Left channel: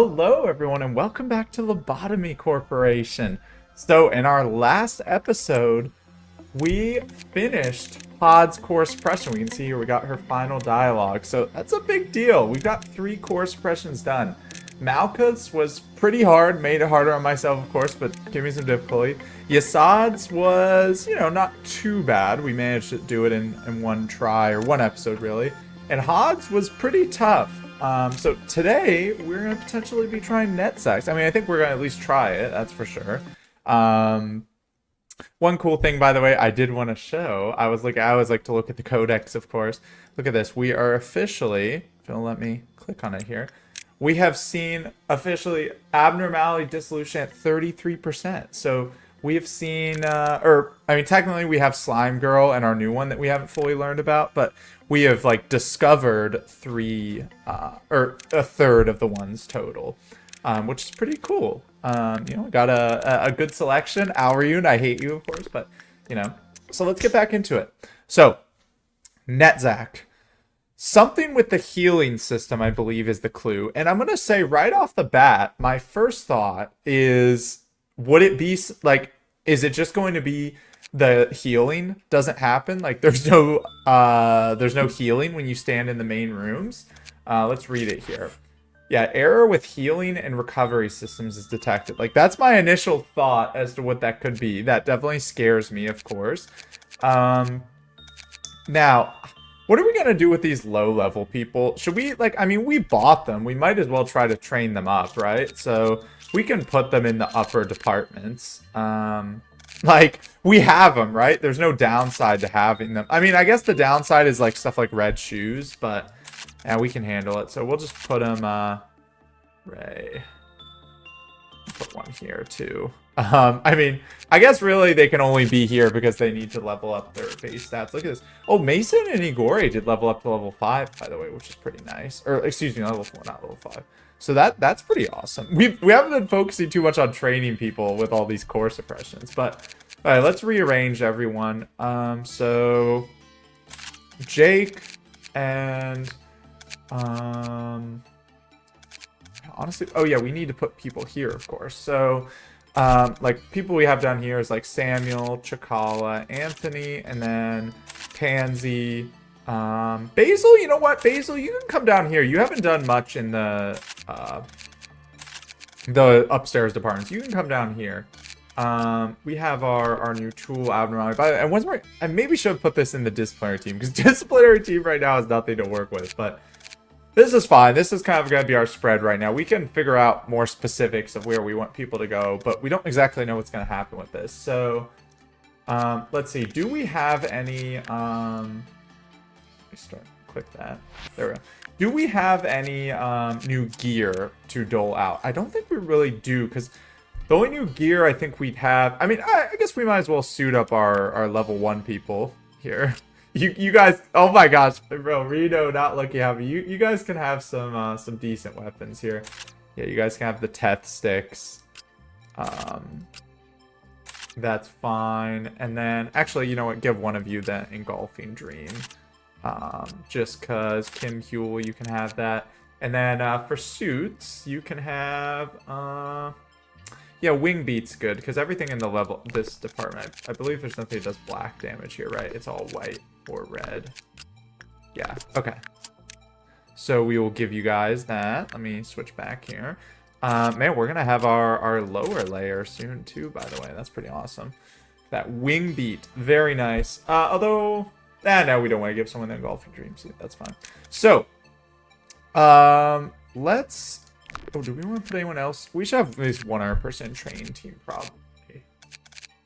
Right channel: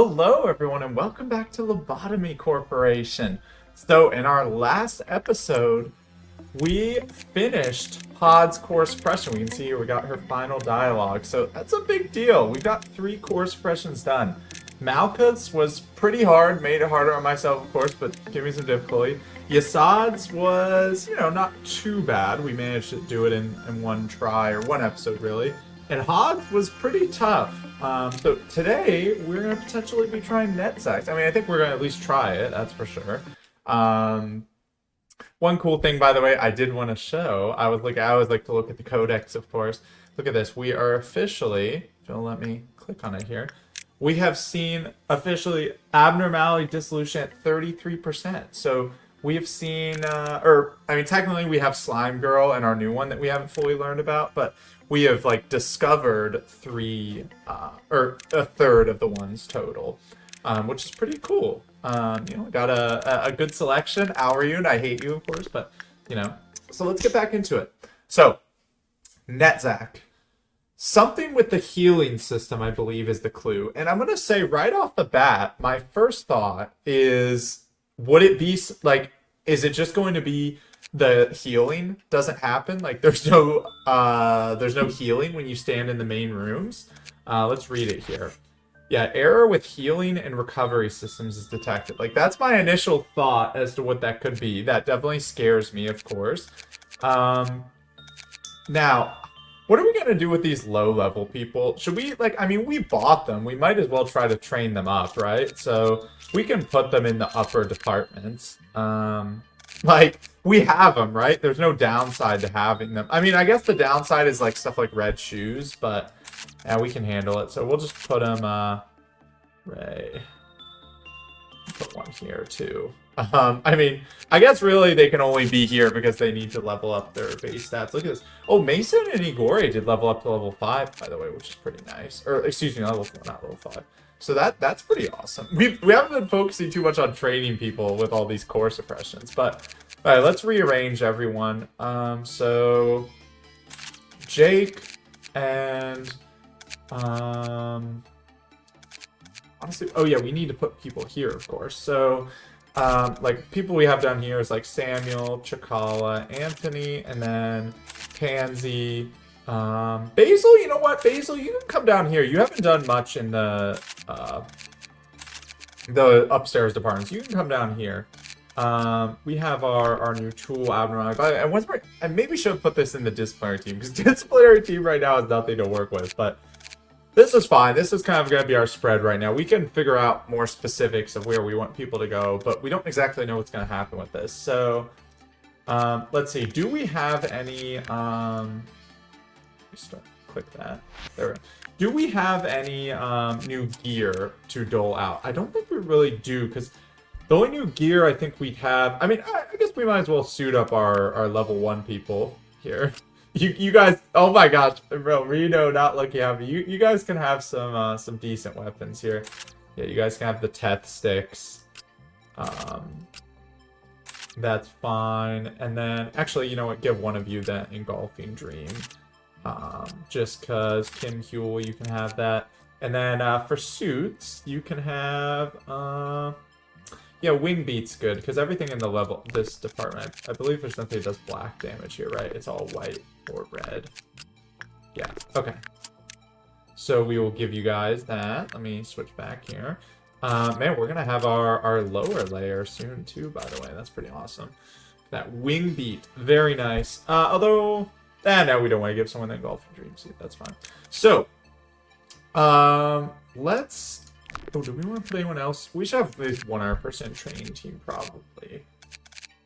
Hello, everyone, and welcome back to Lobotomy Corporation. So, in our last episode, we finished Pod's core suppression. We can see here we got her final dialogue. So, that's a big deal. We got 3 core suppressions done. Malka's was pretty hard, made it harder on myself, of course, but give me some difficulty. Yasad's was, not too bad. We managed to do it in one try, or one episode, really. And Hogs was pretty tough. So today, we're going to potentially be trying Netzach. I mean, I think we're going to at least try it, that's for sure. One cool thing, by the way, I did want to show. I always like to look at the codex, of course. Look at this. We are officially, if you'll let me click on it here, we have seen officially abnormality dissolution at 33%. So we have seen, technically we have Slime Girl and our new one that we haven't fully learned about, but we have discovered 3 or a third of the ones total, which is pretty cool. Got a good selection. Alryun, I hate you, of course, but so let's get back into it. So Netzach, something with the healing system, I believe, is the clue. And I'm gonna say right off the bat, my first thought is, would it be is it just going to be the healing doesn't happen? There's no healing when you stand in the main rooms. Let's read it here. Yeah, error with healing and recovery systems is detected. That's my initial thought as to what that could be. That definitely scares me, of course. Now, what are we gonna do with these low-level people? Should we, we bought them. We might as well try to train them up, right? So we can put them in the upper departments. We have them, right? There's no downside to having them. I mean, I guess the downside is stuff like red shoes, but yeah, we can handle it. So we'll just put them, Ray. Put one here too. I guess really they can only be here because they need to level up their base stats. Look at this. Oh, Mason and Igori did level up to level 5, by the way, which is pretty nice. Or excuse me, level 4, not level 5. So that's pretty awesome. We haven't been focusing too much on training people with all these core suppressions, but all right, let's rearrange everyone. So Jake and honestly, oh yeah, we need to put people here, of course. So people we have down here is Samuel, Chakala, Anthony, and then Pansy. Basil, you know what? Basil, you can come down here. You haven't done much in the upstairs departments. You can come down here. We have our new tool abnormality. And once I maybe should have put this in the disciplinary team, because disciplinary team right now is nothing to work with, but this is fine. This is kind of going to be our spread right now. We can figure out more specifics of where we want people to go, but we don't exactly know what's going to happen with this. So, let's see. Do we have any, click that. There we go. Do we have any new gear to dole out? I don't think we really do, because the only new gear I think we'd have... I guess we might as well suit up our level 1 people here. You guys... Oh my gosh, bro, Reno, not Lucky Happy. You guys can have some decent weapons here. Yeah, you guys can have the Teth sticks. That's fine. And then, actually, you know what? Give one of you that Engulfing Dream. Just because Kim Huel, you can have that. And then for suits, you can have yeah, Wing Beat's good, because everything in this department, I believe there's nothing that does black damage here, right? It's all white or red. Yeah, okay. So we will give you guys that. Let me switch back here. Man, we're gonna have our lower layer soon too, by the way. That's pretty awesome. That Wing Beat, very nice. Although no, we don't want to give someone the Engulfing Dream suit. That's fine. So, let's... Oh, do we want to put anyone else? We should have at least 100% training team, probably.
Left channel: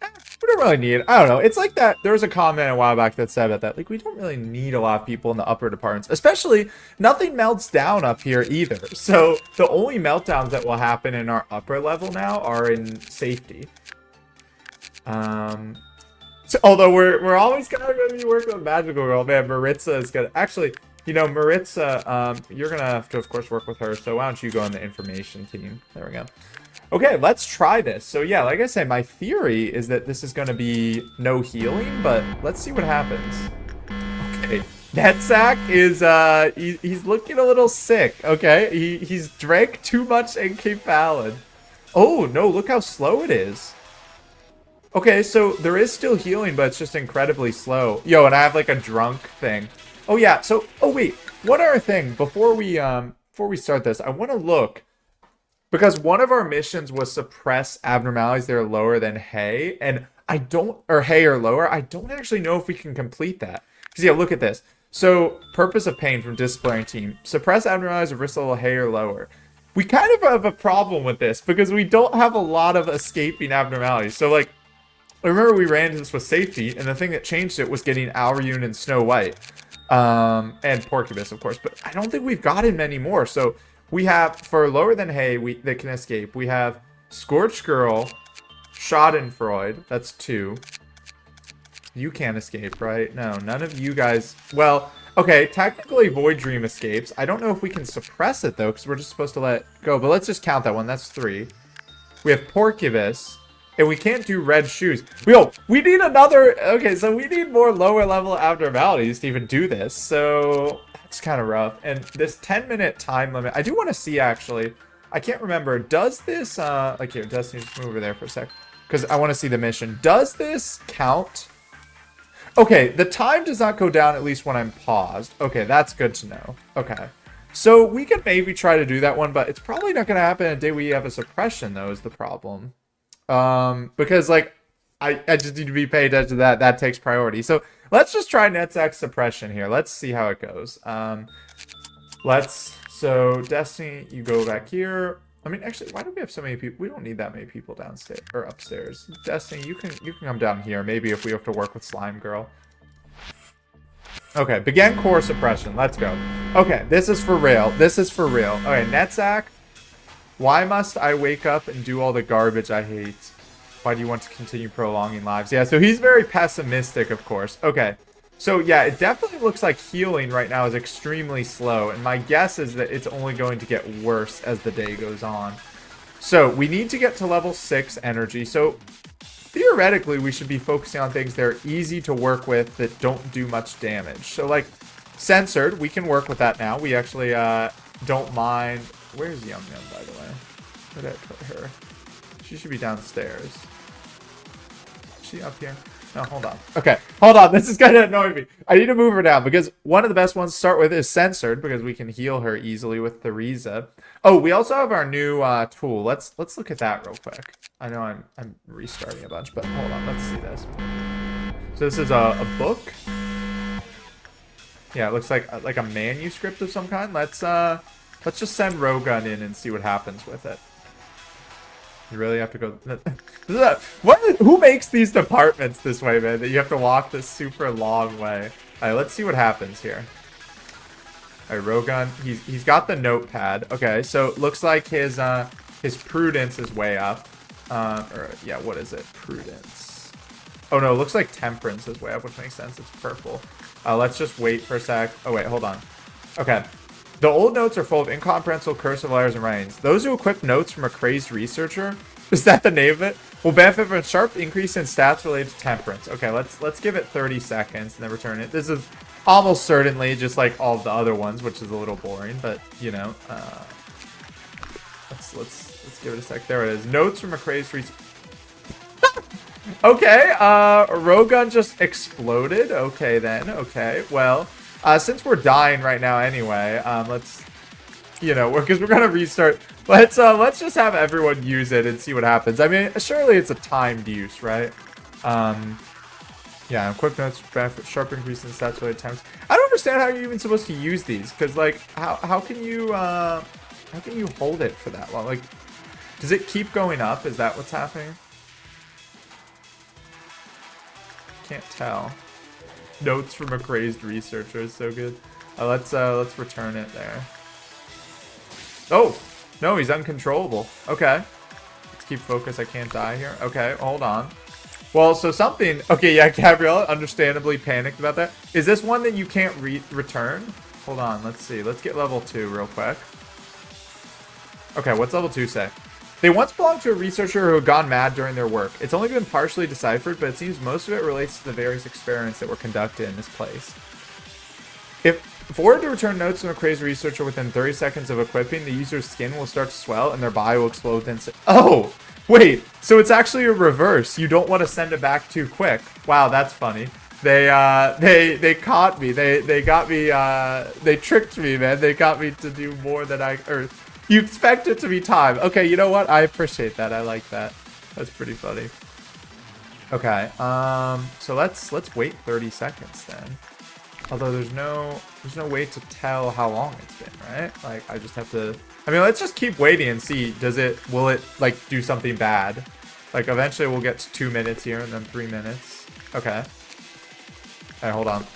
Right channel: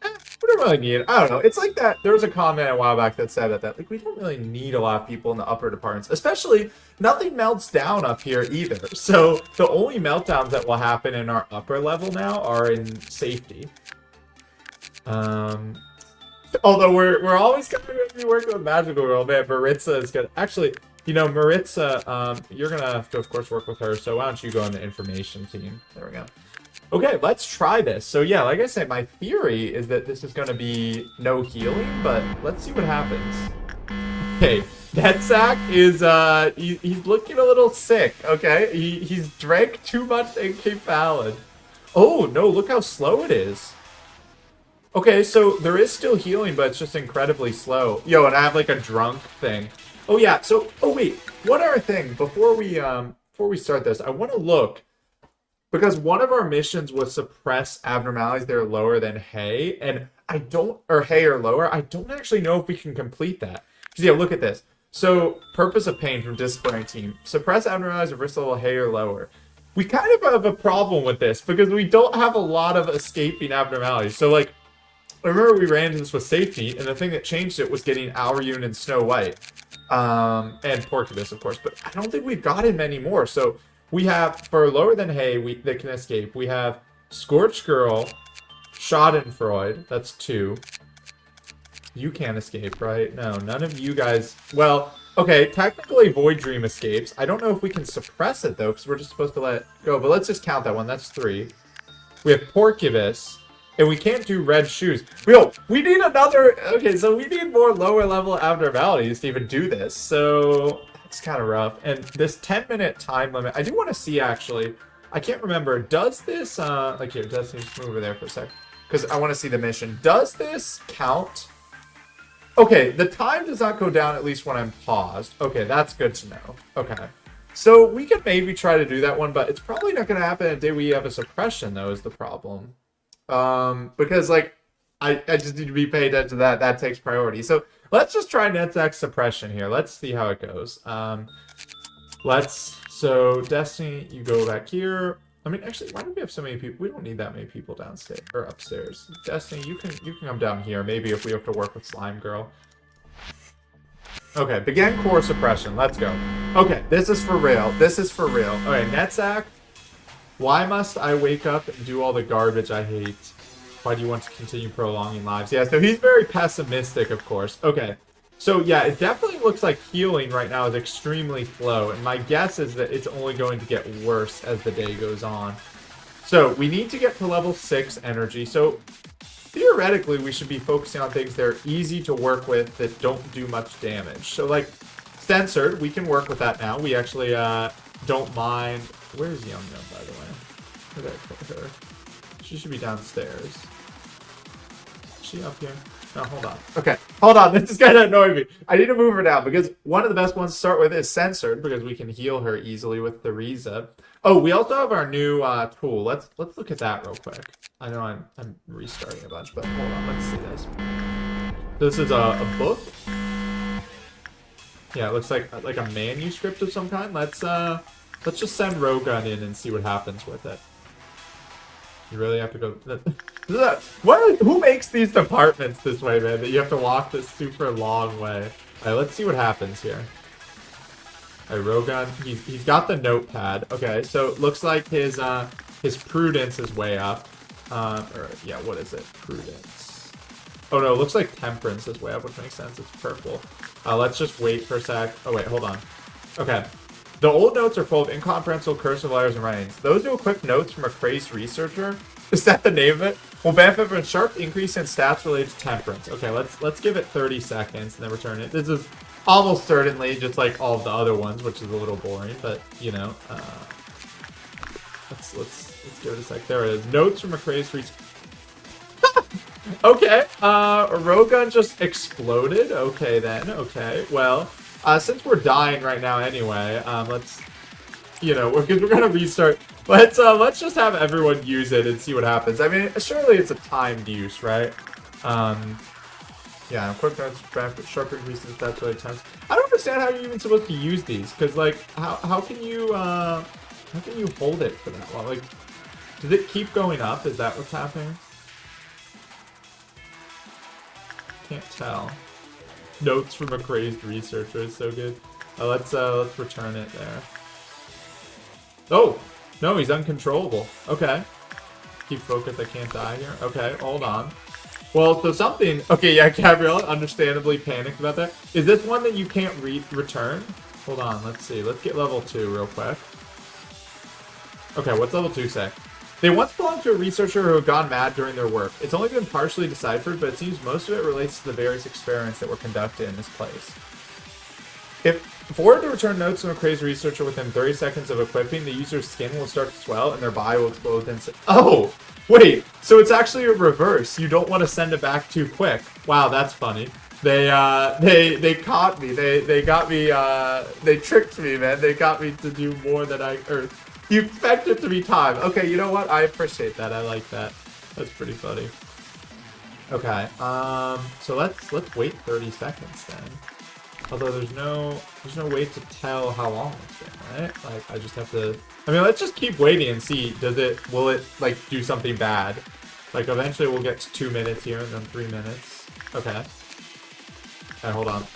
We don't really need it. I don't know. It's like that. There was a comment a while back that said that we don't really need a lot of people in the upper departments. Especially, nothing melts down up here either. So, the only meltdowns that will happen in our upper level now are in safety. So, although we're always kind of going to be working with Magical Girl, man. Maritza is going to... Actually... Maritza, you're going to have to, of course, work with her, so why don't you go on the information team? There we go. Okay, let's try this. So, yeah, like I said, my theory is that this is going to be no healing, but let's see what happens. Okay, Netzach is he's looking a little sick. Okay, he's drank too much NK Fallon. Oh no, look how slow it is. Okay, so there is still healing, but it's just incredibly slow. Yo, and I have like a drunk thing. Oh yeah, so oh wait, one other thing before we start this, I want to look because one of our missions was suppress abnormalities that are lower than hay, and I don't or hay or lower. I don't actually know if we can complete that. Because yeah, look at this. So purpose of pain from disciplinary team: suppress abnormalities of risk level hay or lower. We kind of have a problem with this because we don't have a lot of escaping abnormalities. So like. I remember we ran into this with safety, and the thing that changed it was getting Aurune and Snow White. And Porcubus, of course. But I don't think we've gotten many more. So we have, for lower than hay, that can escape, we have Scorched Girl, Schadenfreude. That's 2. You can't escape, right? No, none of you guys... Well, okay, technically Void Dream escapes. I don't know if we can suppress it, though, because we're just supposed to let it go. But let's just count that one. That's 3. We have Porcubus. And we can't do red shoes. Yo, we need another... Okay, so we need more lower level abnormalities to even do this. So that's kind of rough. And this 10-minute time limit, I do want to see, actually. I can't remember. Does this... like, here, Destiny, just move over there for a sec. Because I want to see the mission. Does this count? Okay, the time does not go down at least when I'm paused. Okay, that's good to know. Okay. So we could maybe try to do that one, but it's probably not going to happen until we have a suppression, though, is the problem. Because like I just need to be paying attention to that. That takes priority. So let's just try Netzach suppression here. Let's see how it goes. So Destiny, you go back here. I mean, actually, why do we have so many people? We don't need that many people downstairs or upstairs. Destiny, you can come down here. Maybe if we have to work with Slime Girl. Okay, begin core suppression. Let's go. Okay, this is for real. This is for real. Okay, Netzach. Why must I wake up and do all the garbage I hate? Why do you want to continue prolonging lives? Yeah, so he's very pessimistic, of course. Okay, so yeah, it definitely looks like healing right now is extremely slow. And my guess is that it's only going to get worse as the day goes on. So we need to get to level 6 energy. So theoretically, we should be focusing on things that are easy to work with that don't do much damage. So like censored, we can work with that now. We actually don't mind... Where's Yum Yum, by the way? Where did I put her? She should be downstairs. Is she up here? No, hold on. Okay, hold on. This is kind of annoying me. I need to move her down because one of the best ones to start with is censored because we can heal her easily with the Riza. Oh, we also have our new tool. Let's look at that real quick. I know I'm restarting a bunch, but hold on. Let's see this. So this is a book. Yeah, it looks like a manuscript of some kind. Let's just send Rogun in and see what happens with it. You really have to go... Who makes these departments this way, man? That you have to walk this super long way. Alright, let's see what happens here. Alright, Rogun, he's got the notepad. Okay, so it looks like his prudence is way up. Yeah, what is it? Prudence. Oh no, it looks like temperance is way up, which makes sense. It's purple. Let's just wait for a sec. Oh wait, hold on. Okay. The old notes are full of incomprehensible cursive letters and writings. Those who equip notes from a crazed researcher, is that the name of it, will benefit from a sharp increase in stats related to temperance. Okay, let's give it 30 seconds and then return it. This is almost certainly just like all of the other ones, which is a little boring, but you know, let's give it a sec. There it is. Notes from a crazed researcher. Okay, Rogun just exploded. Okay then. Okay, well. Since we're dying right now anyway, let's, you know, because we're gonna restart. Let's just have everyone use it and see what happens. I mean, surely it's a timed use, right? Yeah, quick notes, benefit, sharp increase in stats related times. I don't understand how you're even supposed to use these, because like, how can you hold it for that long? Like, does it keep going up? Is that what's happening? Can't tell. Notes from a crazed researcher is so good. Let's return it there. Oh no, he's uncontrollable. Okay, let's keep focus. I can't die here. Okay, hold on. Well, so something. Okay, yeah, Gabriella, understandably panicked about that. Is this one that you can't return? Hold on. Let's see. Let's get level 2 real quick. Okay, what's level 2 say? They once belonged to a researcher who had gone mad during their work. It's only been partially deciphered, but it seems most of it relates to the various experiments that were conducted in this place. If ordered to return notes from a crazy researcher within 30 seconds of equipping, the user's skin will start to swell and their body will explode within... Oh! Wait! So it's actually a reverse. You don't want to send it back too quick. Wow, that's funny. They caught me. They got me, they tricked me, man. They got me to do more than or you expect it to be time. Okay, you know what? I appreciate that. I like that. That's pretty funny. Okay, so let's wait 30 seconds then. Although there's no way to tell how long it's been, right? Like, I just have to, I mean, let's just keep waiting and see, will it, like, do something bad? Like, eventually we'll get to 2 minutes here and then 3 minutes. Okay. Alright, hold on.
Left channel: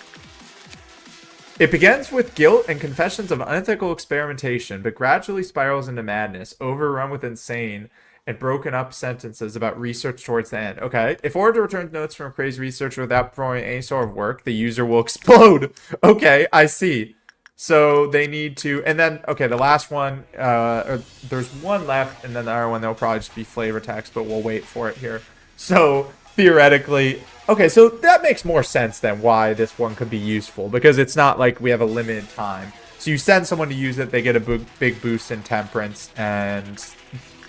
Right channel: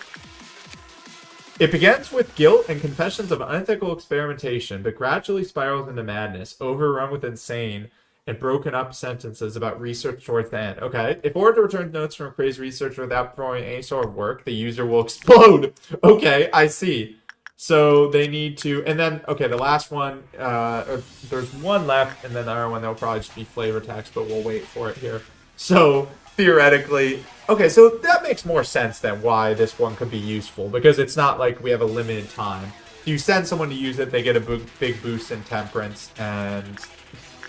It begins with guilt and confessions of unethical experimentation, but gradually spirals into madness, overrun with insane and broken up sentences about research towards the end. Okay. If ordered to return notes from a crazy researcher without performing any sort of work, the user will explode. Okay, I see. So they need to, and then, okay, the last one, there's one left, and then the other one, there'll probably just be flavor text, but we'll wait for it here. So, theoretically, okay, so that makes more sense than why this one could be useful, because it's not like we have a limited time. So you send someone to use it, they get a big boost in temperance, and,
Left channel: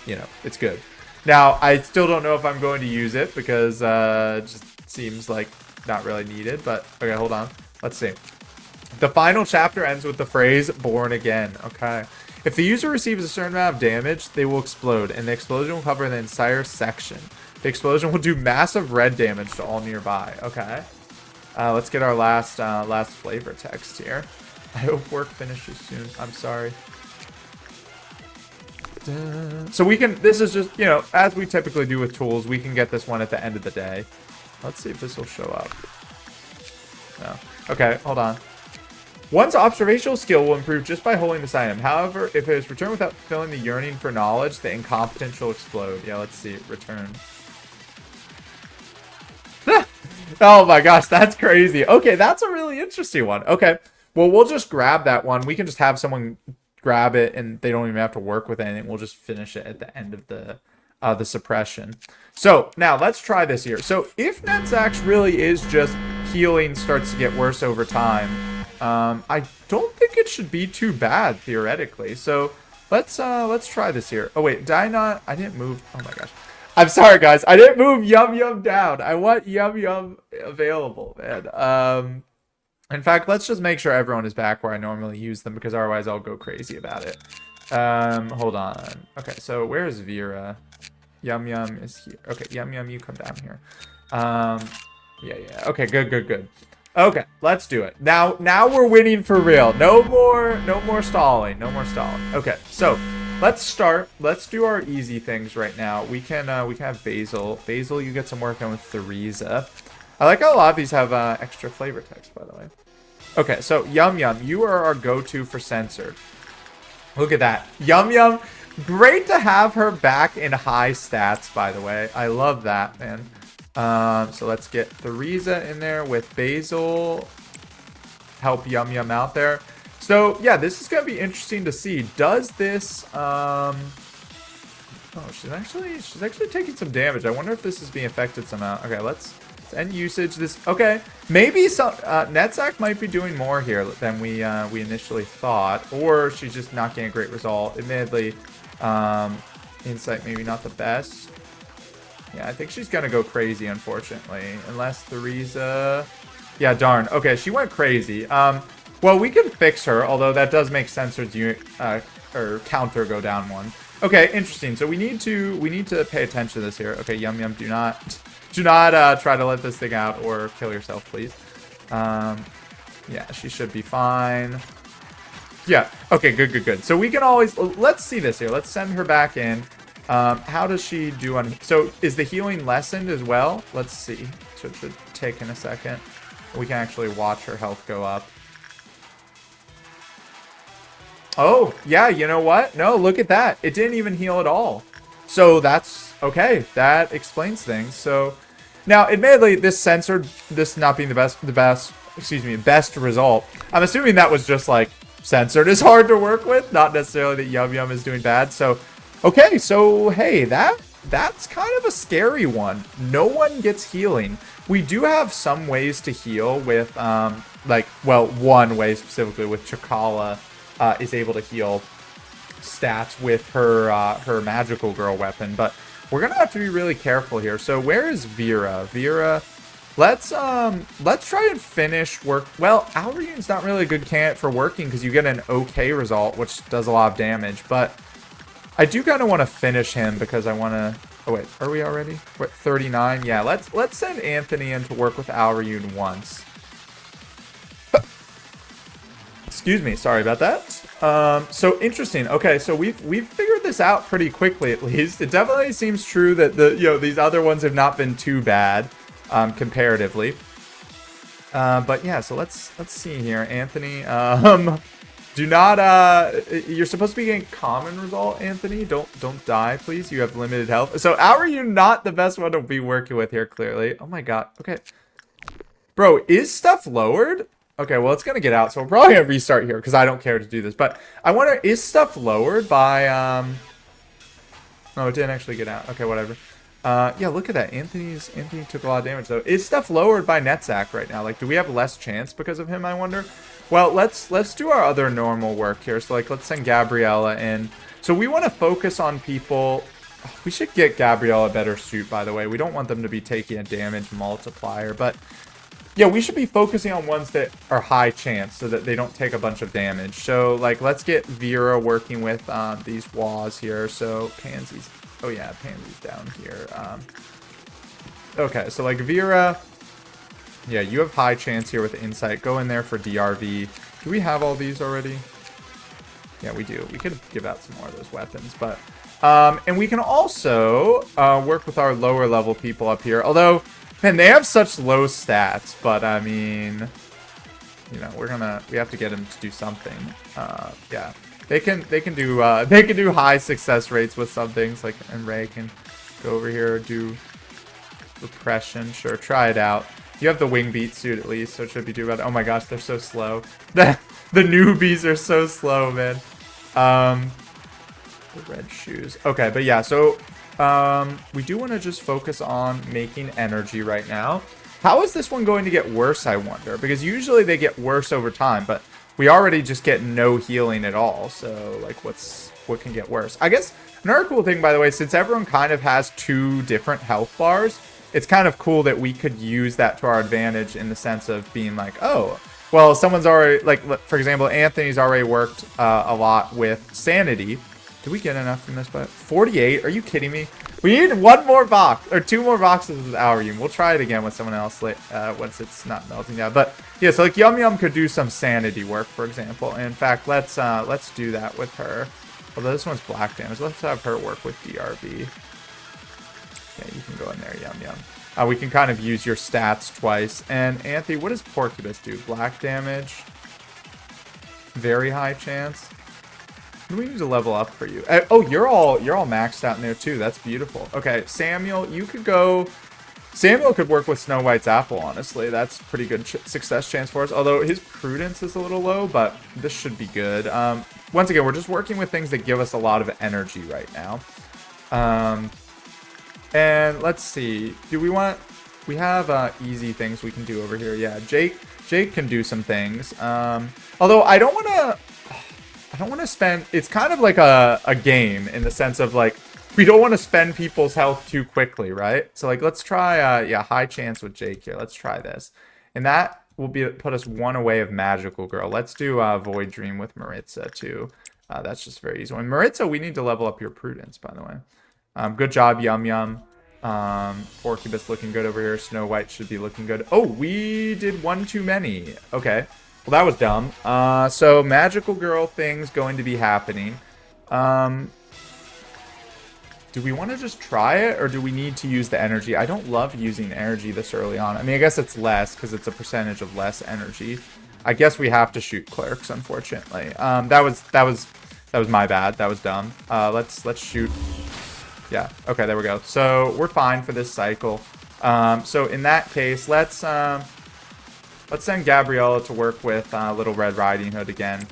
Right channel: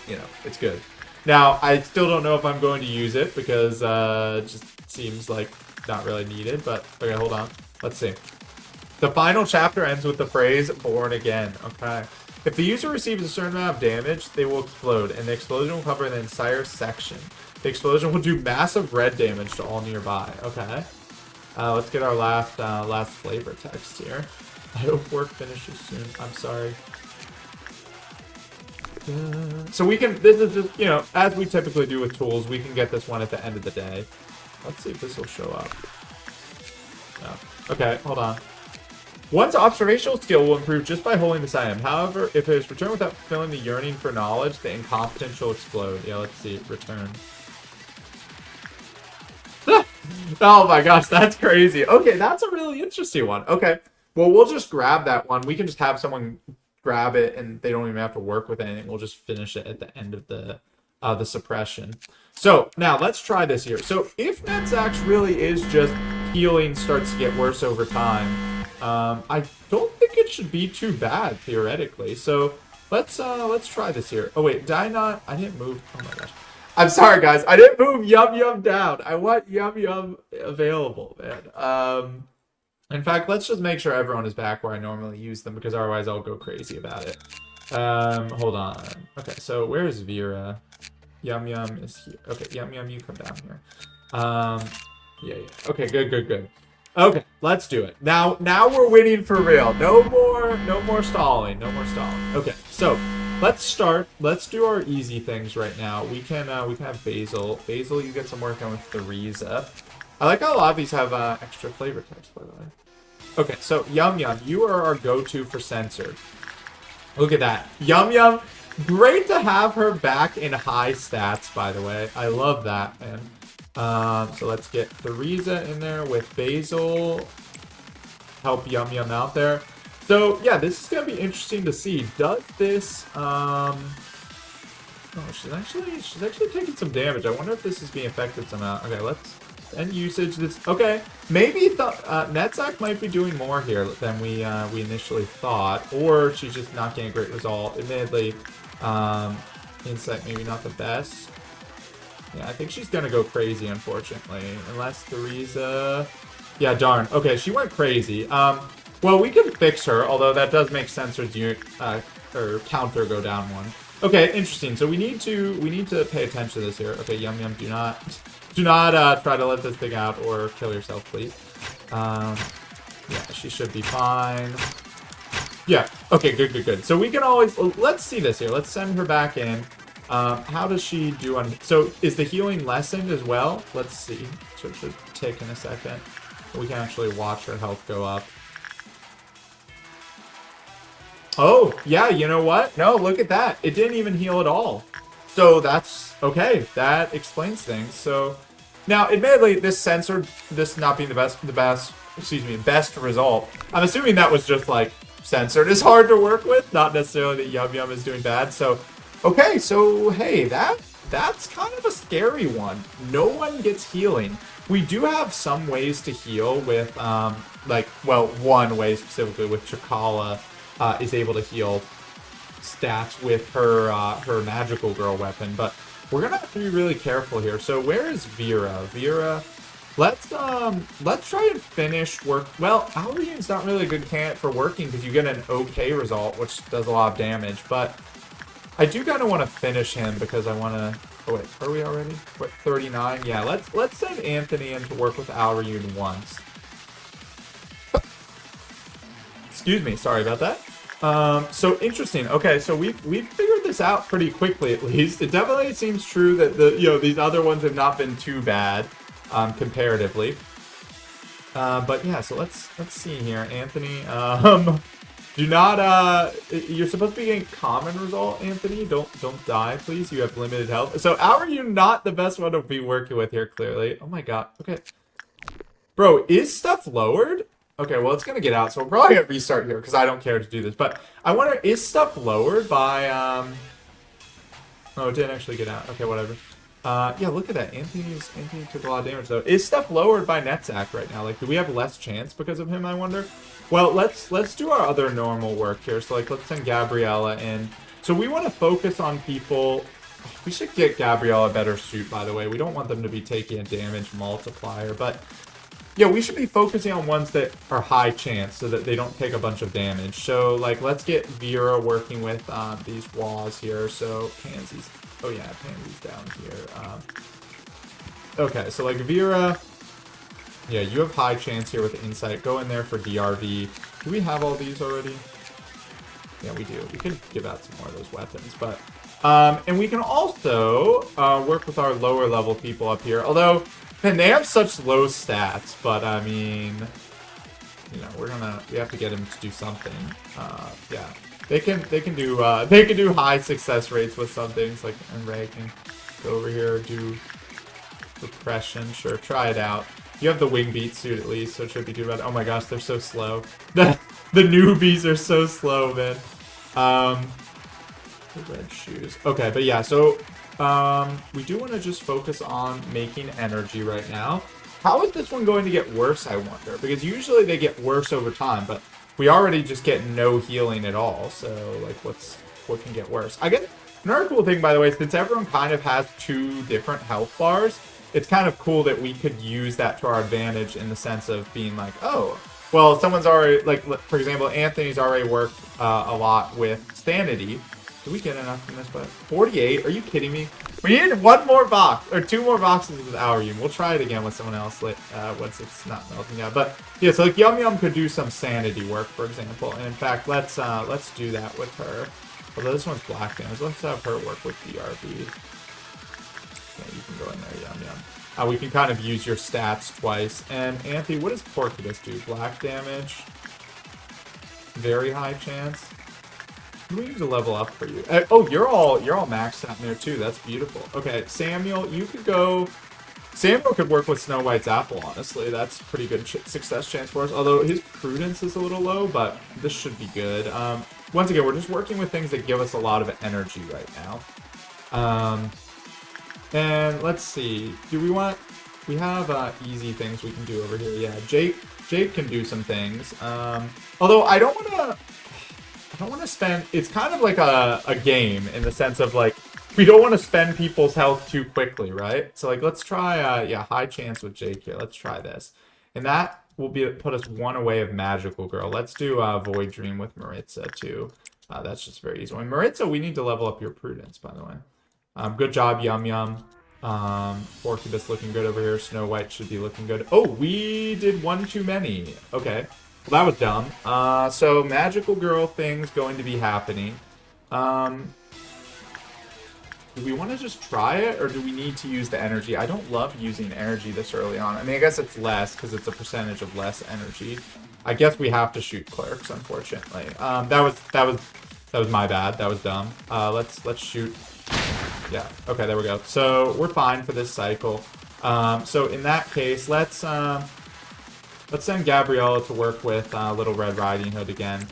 you know, it's good. Now, I still don't know if I'm going to use it, because it just seems like not really needed, but, okay, hold on. Let's see. The final chapter ends with the phrase, born again. Okay. If the user receives a certain amount of damage, they will explode, and the explosion will cover the entire section. The explosion will do massive red damage to all nearby. Okay. Let's get our last flavor text here. I hope work finishes soon. I'm sorry. So we can, this is just, you know, as we typically do with tools, we can get this one at the end of the day. Let's see if this will show up. No. Okay, hold on. One's observational skill will improve just by holding this item. However, if it is returned without fulfilling the yearning for knowledge, the incompetence will explode. Yeah, let's see. Return. Oh my gosh, that's crazy. Okay, that's a really interesting one. Okay, well, we'll just grab that one. We can just have someone grab it, and they don't even have to work with anything. We'll just finish it at the end of the suppression. So, now, let's try this here. So, if Netzach really is just healing starts to get worse over time, I don't think it should be too bad, theoretically. So, let's try this here. Oh, wait, did I not? I didn't move. Oh, my gosh. I'm sorry, guys. I didn't move Yum Yum down. I want Yum Yum available, man. In fact, let's just make sure everyone is back where I normally use them, because otherwise I'll go crazy about it. Hold on. Okay, so where is Vera? Yum Yum is here. Okay, Yum Yum, you come down here. Yeah. Okay, good. Okay, let's do it. Now we're winning for real. No more stalling. Okay, so let's start. Let's do our easy things right now. We can have Basil. Basil, you get some work done with Theresa. I like how a lot of these have extra flavor text, by the way. Okay, so Yum Yum, you are our go-to for censored. Look at that. Yum Yum, great to have her back in high stats, by the way. I love that, man. So let's get Theresa in there with Basil. Help Yum Yum out there. So, yeah, this is going to be interesting to see. Does this, oh, she's actually taking some damage. I wonder if this is being affected somehow. Okay, let's end usage. This, okay, maybe some, Netzach might be doing more here than we initially thought, or she's just not getting a great result. Admittedly, insight maybe not the best. Yeah, I think she's gonna go crazy, unfortunately, unless Theresa, yeah, darn. Okay, she went crazy. Well, we can fix her, although that does make Censored's unit, or counter go down one. Okay, interesting. So we need to pay attention to this here. Okay, Yum Yum, do not try to let this thing out or kill yourself, please. Yeah, she should be fine. Yeah, okay, good. So we can always, let's see this here. Let's send her back in. How does she do on, so is the healing lessened as well? Let's see. So it should take in a second. We can actually watch her health go up. Oh, yeah, you know what? No, look at that. It didn't even heal at all. So that's, okay, that explains things. So, now, admittedly, this censored, this not being the best result, I'm assuming that was just, like, censored is hard to work with, not necessarily that Yum Yum is doing bad. So, okay, so, hey, that that's kind of a scary one. No one gets healing. We do have some ways to heal with, one way specifically with Chakala is able to heal stats with her magical girl weapon, but we're gonna have to be really careful here. So where is Vera? Vera, let's try and finish work. Well, Alrine's not really a good candidate for working because you get an okay result, which does a lot of damage, but I do kind of want to finish him because I want to... Oh, wait. Are we already? We're at 39? Yeah, let's send Anthony in to work with Alriune once. Excuse me. Sorry about that. So interesting. Okay, so we've figured this out pretty quickly, at least. It definitely seems true that these other ones have not been too bad, comparatively. But yeah, so let's see here. Anthony, do not, you're supposed to be getting common result, Anthony. Don't die, please. You have limited health. So, how are you not the best one to be working with here, clearly? Oh my god. Okay. Bro, is stuff lowered? Okay, well, it's gonna get out, so we're probably gonna restart here, because I don't care to do this. But, I wonder, is stuff lowered by, Oh, it didn't actually get out. Okay, whatever. Yeah, look at that. Anthony took a lot of damage, though. Is stuff lowered by Netzach right now? Like, do we have less chance because of him, I wonder? Well, let's do our other normal work here. So, like, let's send Gabriella in. So, we want to focus on people... We should get Gabriella a better suit, by the way. We don't want them to be taking a damage multiplier. But, yeah, we should be focusing on ones that are high chance so that they don't take a bunch of damage. So, like, let's get Vera working with these walls here. So, Pansy's... Oh, yeah, Pansy's down here. Okay, so, like, Vera... Yeah, you have high chance here with Insight. Go in there for DRV. Do we have all these already? Yeah, we do. We could give out some more of those weapons, but... and we can also work with our lower level people up here. Although, man, they have such low stats, but I mean... You know, we have to get them to do something. Yeah. They can do high success rates with some things, like, and Ray can go over here, do suppression. Sure, try it out. You have the wing beat suit at least, so it should be doable. Oh my gosh, they're so slow. The newbies are so slow, man. Red shoes. Okay, but yeah, so we do want to just focus on making energy right now. How is this one going to get worse, I wonder? Because usually they get worse over time, but we already just get no healing at all. So, like, what can get worse? I guess another cool thing, by the way, since everyone kind of has 2 different health bars, it's kind of cool that we could use that to our advantage in the sense of being like, oh, well, someone's already, like, for example, Anthony's already worked a lot with Sanity. Did we get enough from this? But 48? Are you kidding me? We need 1 more box, or 2 more boxes with Alriune. We'll try it again with someone else once it's not melting down. But yeah, so like Yum Yum could do some Sanity work, for example. And in fact, let's do that with her. Although this one's black damage, let's have her work with DRB. Okay, you can go in there, Yum Yum. We can kind of use your stats twice. And Anthony, what does Porcupus do? Black damage. Very high chance. We need to level up for you. Oh, you're all maxed out in there too. That's beautiful. Okay, Samuel, you could go. Samuel could work with Snow White's apple. Honestly, that's pretty good success chance for us. Although his prudence is a little low, but this should be good. Once again, we're just working with things that give us a lot of energy right now. And let's see. Do we want? We have easy things we can do over here. Yeah, Jake can do some things. Although I don't want to spend... It's kind of like a game in the sense of, like, we don't want to spend people's health too quickly, right? So, like, let's try, yeah, high chance with Jake here. Let's try this. And that will put us 1 away of Magical Girl. Let's do Void Dream with Maritza, too. That's just very easy. And Maritza, we need to level up your Prudence, by the way. Good job, Yum Yum. Porcupus looking good over here. Snow White should be looking good. Oh, we did 1 too many. Okay. Well, that was dumb. So Magical Girl thing's going to be happening. Do we want to just try it, or do we need to use the energy? I don't love using energy this early on. I mean, I guess it's less, because it's a percentage of less energy. I guess we have to shoot clerks, unfortunately. That was my bad. That was dumb. Let's shoot. Yeah, okay, there we go. So we're fine for this cycle. So in that case, let's send Gabriella to work with Little Red Riding Hood again.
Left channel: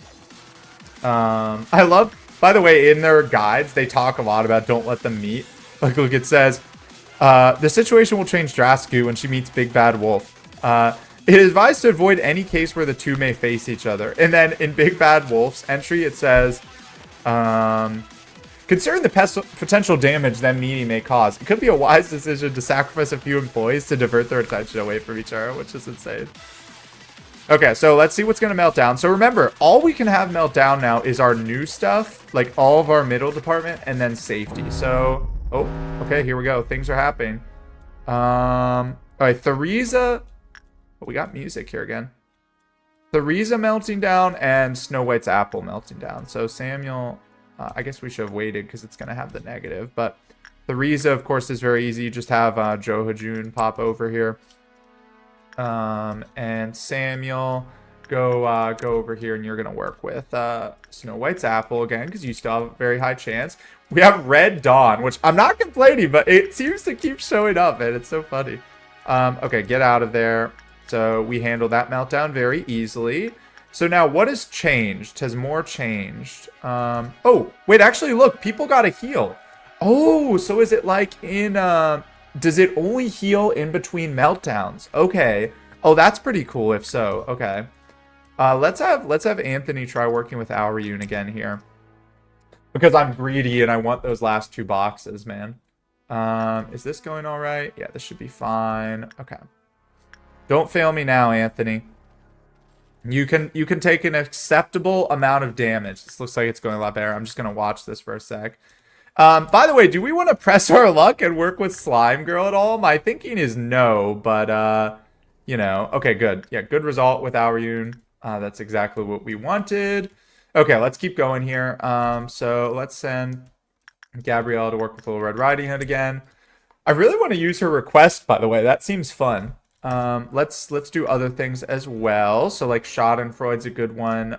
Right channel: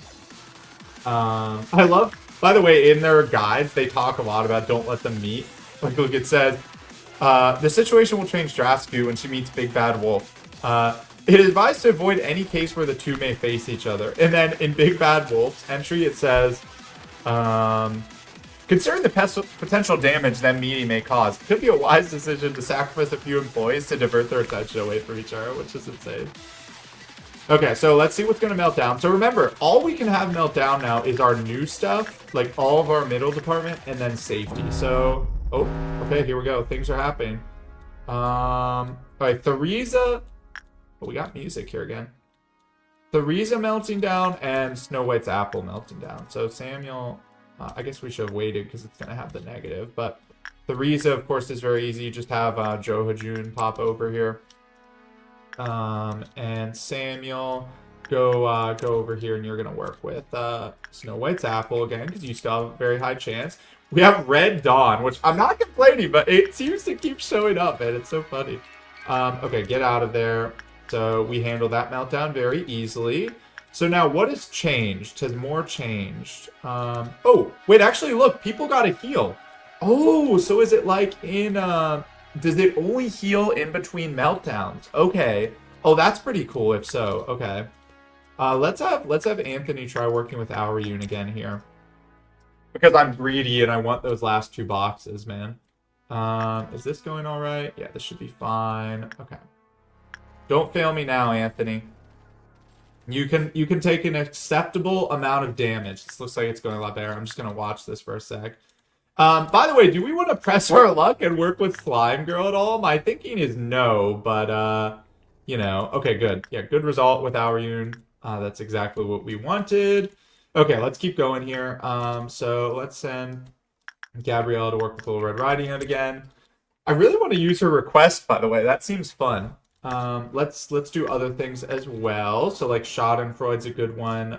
I love, by the way, in their guides, they talk a lot about don't let them meet. Like, look, it says, the situation will change drastically when she meets Big Bad Wolf. It is advised to avoid any case where the two may face each other. And then in Big Bad Wolf's entry, it says, considering the potential damage that meeting may cause, it could be a wise decision to sacrifice a few employees to divert their attention away from each other, which is insane. Okay, so let's see what's going to melt down. So remember, all we can have melt down now is our new stuff, like all of our middle department, and then safety. So, oh, okay, here we go. Things are happening. All right, Theresa. Oh, we got music here again. Theresa melting down and Snow White's apple melting down. So Samuel, I guess we should have waited because it's going to have the negative. But Theresa, of course, is very easy. You just have Joe Hajun pop over here. And Samuel, go over here, and you're gonna work with Snow White's apple again because you still have a very high chance. We have Red Dawn, which I'm not complaining, but it seems to keep showing up, and it's so funny. Okay, get out of there. So we handle that meltdown very easily. So now what has changed? Has more changed? Oh, wait, actually, look, people got a heal. Oh, so is it like in does it only heal in between meltdowns? Okay. Oh, that's pretty cool if so. Okay. Let's have Anthony try working with Auriyun again here. Because I'm greedy and I want those last 2 boxes, man. Is this going all right? Yeah, this should be fine. Okay. Don't fail me now, Anthony. You can take an acceptable amount of damage. This looks like it's going a lot better. I'm just gonna watch this for a sec. By the way, do we want to press our luck and work with Slime Girl at all? My thinking is no, but, you know. Okay, good. Yeah, good result with Auriyun. That's exactly what we wanted. Okay, let's keep going here. So let's send Gabrielle to work with Little Red Riding Hood again. I really want to use her request, by the way. That seems fun. Let's do other things as well. So, like, Schadenfreude's a good one.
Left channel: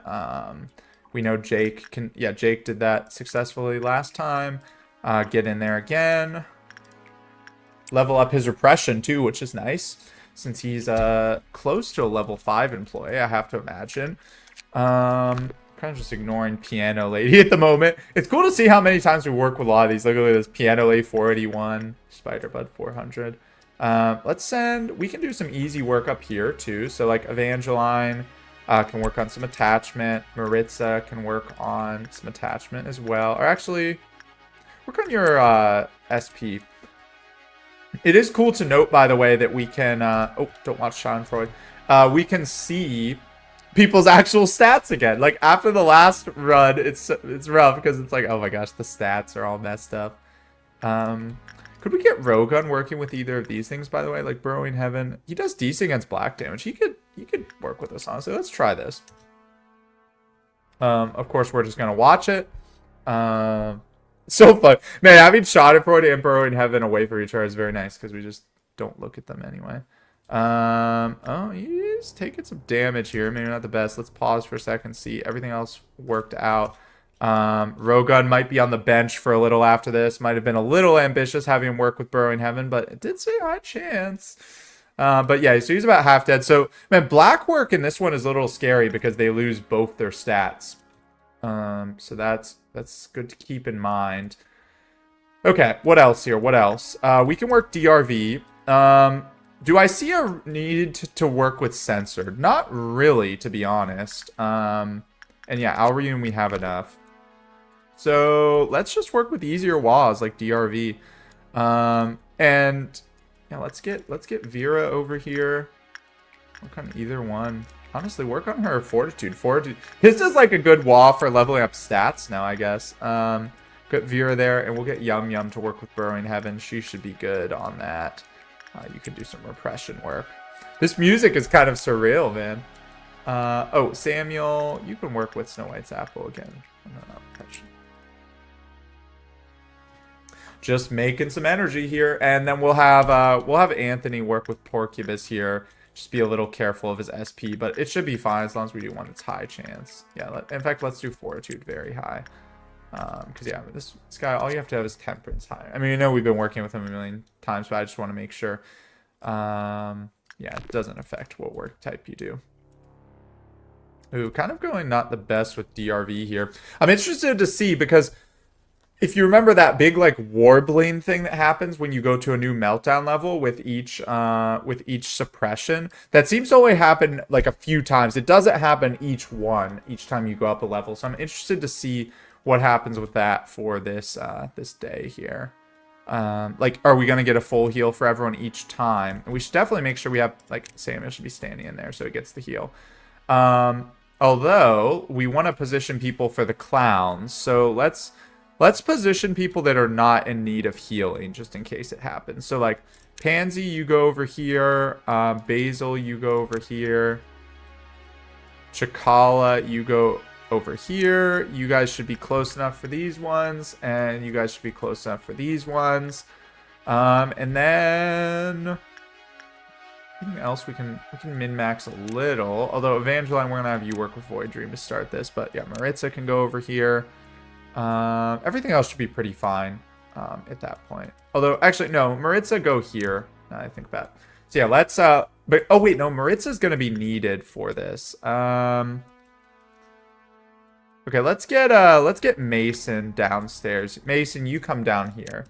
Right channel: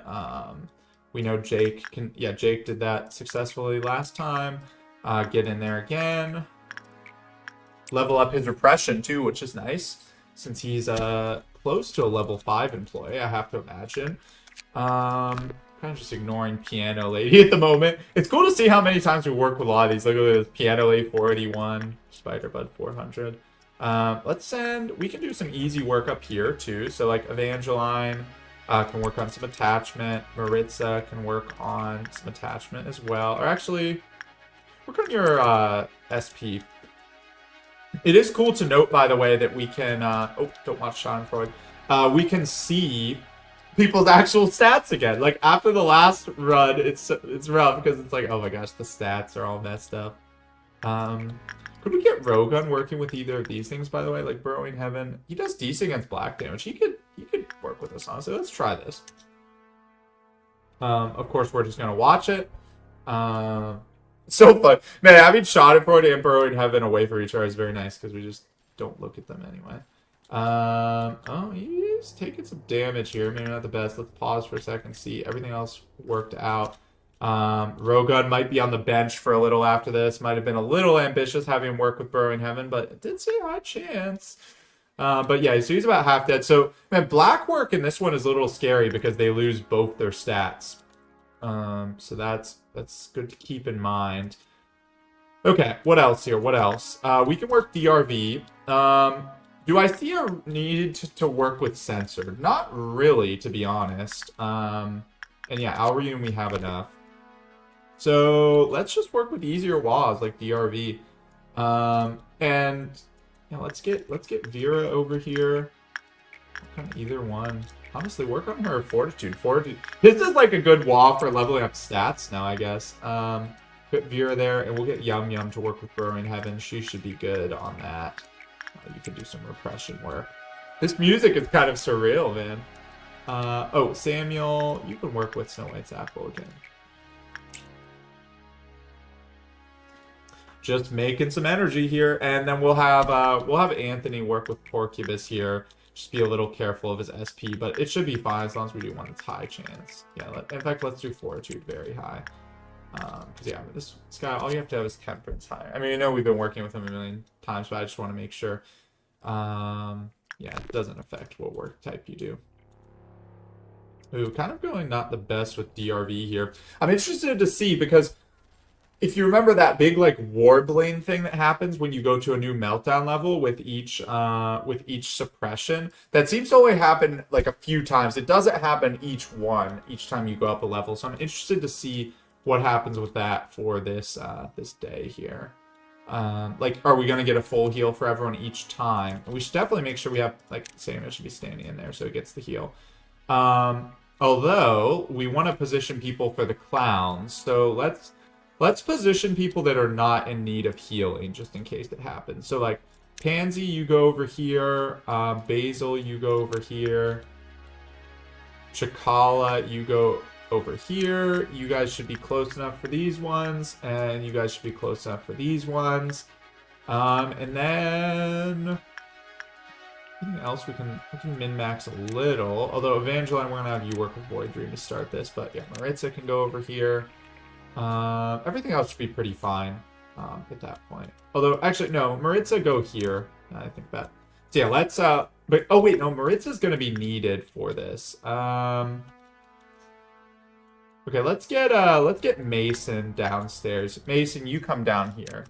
We know Jake can... Yeah, Jake did that successfully last time. Get in there again. Level up his repression, too, which is nice. Since he's close to a level 5 employee, I have to imagine. Kind of just ignoring Piano Lady at the moment. It's cool to see how many times we work with a lot of these. Look at this. Piano Lady 481. Spiderbud 400. Let's send... We can do some easy work up here, too. So, like, Evangeline... can work on some attachment. Maritza can work on some attachment as well. Or actually, work on your SP. It is cool to note, by the way, that we can... oh, don't watch Schadenfreude. We can see people's actual stats again. Like, after the last run, it's rough because it's like, oh my gosh, the stats are all messed up. Could we get Rogun working with either of these things, by the way? Like Burrowing Heaven. He does decent against black damage. He could work with us, honestly. Let's try this. Of course, we're just going to watch it. So fun. Man, having Schadenfreude and Burrowing Heaven away from each other is very nice because we just don't look at them anyway. Oh, he's taking some damage here. Maybe not the best. Let's pause for a second, see everything else worked out. Rogun might be on the bench for a little after this. Might have been a little ambitious having him work with Burrowing Heaven, but it did say high chance. But yeah, so he's about half dead. So, man, black work in this one is a little scary because they lose both their stats. So that's good to keep in mind. Okay, what else here? What else? We can work DRV. Do I see a need to work with Censored? Not really, to be honest. And yeah, Auriyun we have enough. So let's just work with easier WAs like DRV. And yeah, let's get Vera over here. Work on either one. Honestly, work on her Fortitude. His is like a good WA for leveling up stats now, I guess. Get Vera there, and we'll get Yum Yum to work with Burrowing Heaven. She should be good on that. You can do some repression work. This music is kind of surreal, man. Oh, Samuel, you can work with Snow White's apple again. Just making some energy here, and then we'll have Anthony work with Porcubus here. Just be a little careful of his SP, but it should be fine as long as we do one that's high chance. Yeah, in fact, let's do Fortitude very high. Because yeah, this guy, all you have to have is Temperance high. I mean, I know we've been working with him a million times, but I just want to make sure. Yeah, it doesn't affect what work type you do. Ooh, kind of going not the best with DRV here. I'm interested to see because if you remember that big like warbling thing that happens when you go to a new meltdown level with each suppression, that seems to only happen like a few times. It doesn't happen each time you go up a level. So I'm interested to see what happens with that for this day here. Like, are we gonna get a full heal for everyone each time? And we should definitely make sure we have like Samuel should be standing in there so he gets the heal. Although we want to position people for the clowns, so let's position people that are not in need of healing just in case it happens. So like Pansy, you go over here. Basil, you go over here. Chakala, you go over here. You guys should be close enough for these ones, and you guys should be close enough for these ones. And then anything else we can min-max a little. Although Evangeline, we're gonna have you work with Void Dream to start this. But yeah, Maritza can go over here. Everything else should be pretty fine at that point. Although, actually, no, Maritza, go here. I think that. So yeah, let's. But oh wait, no, Maritza's gonna be needed for this. Okay, let's get Mason downstairs. Mason, you come down here.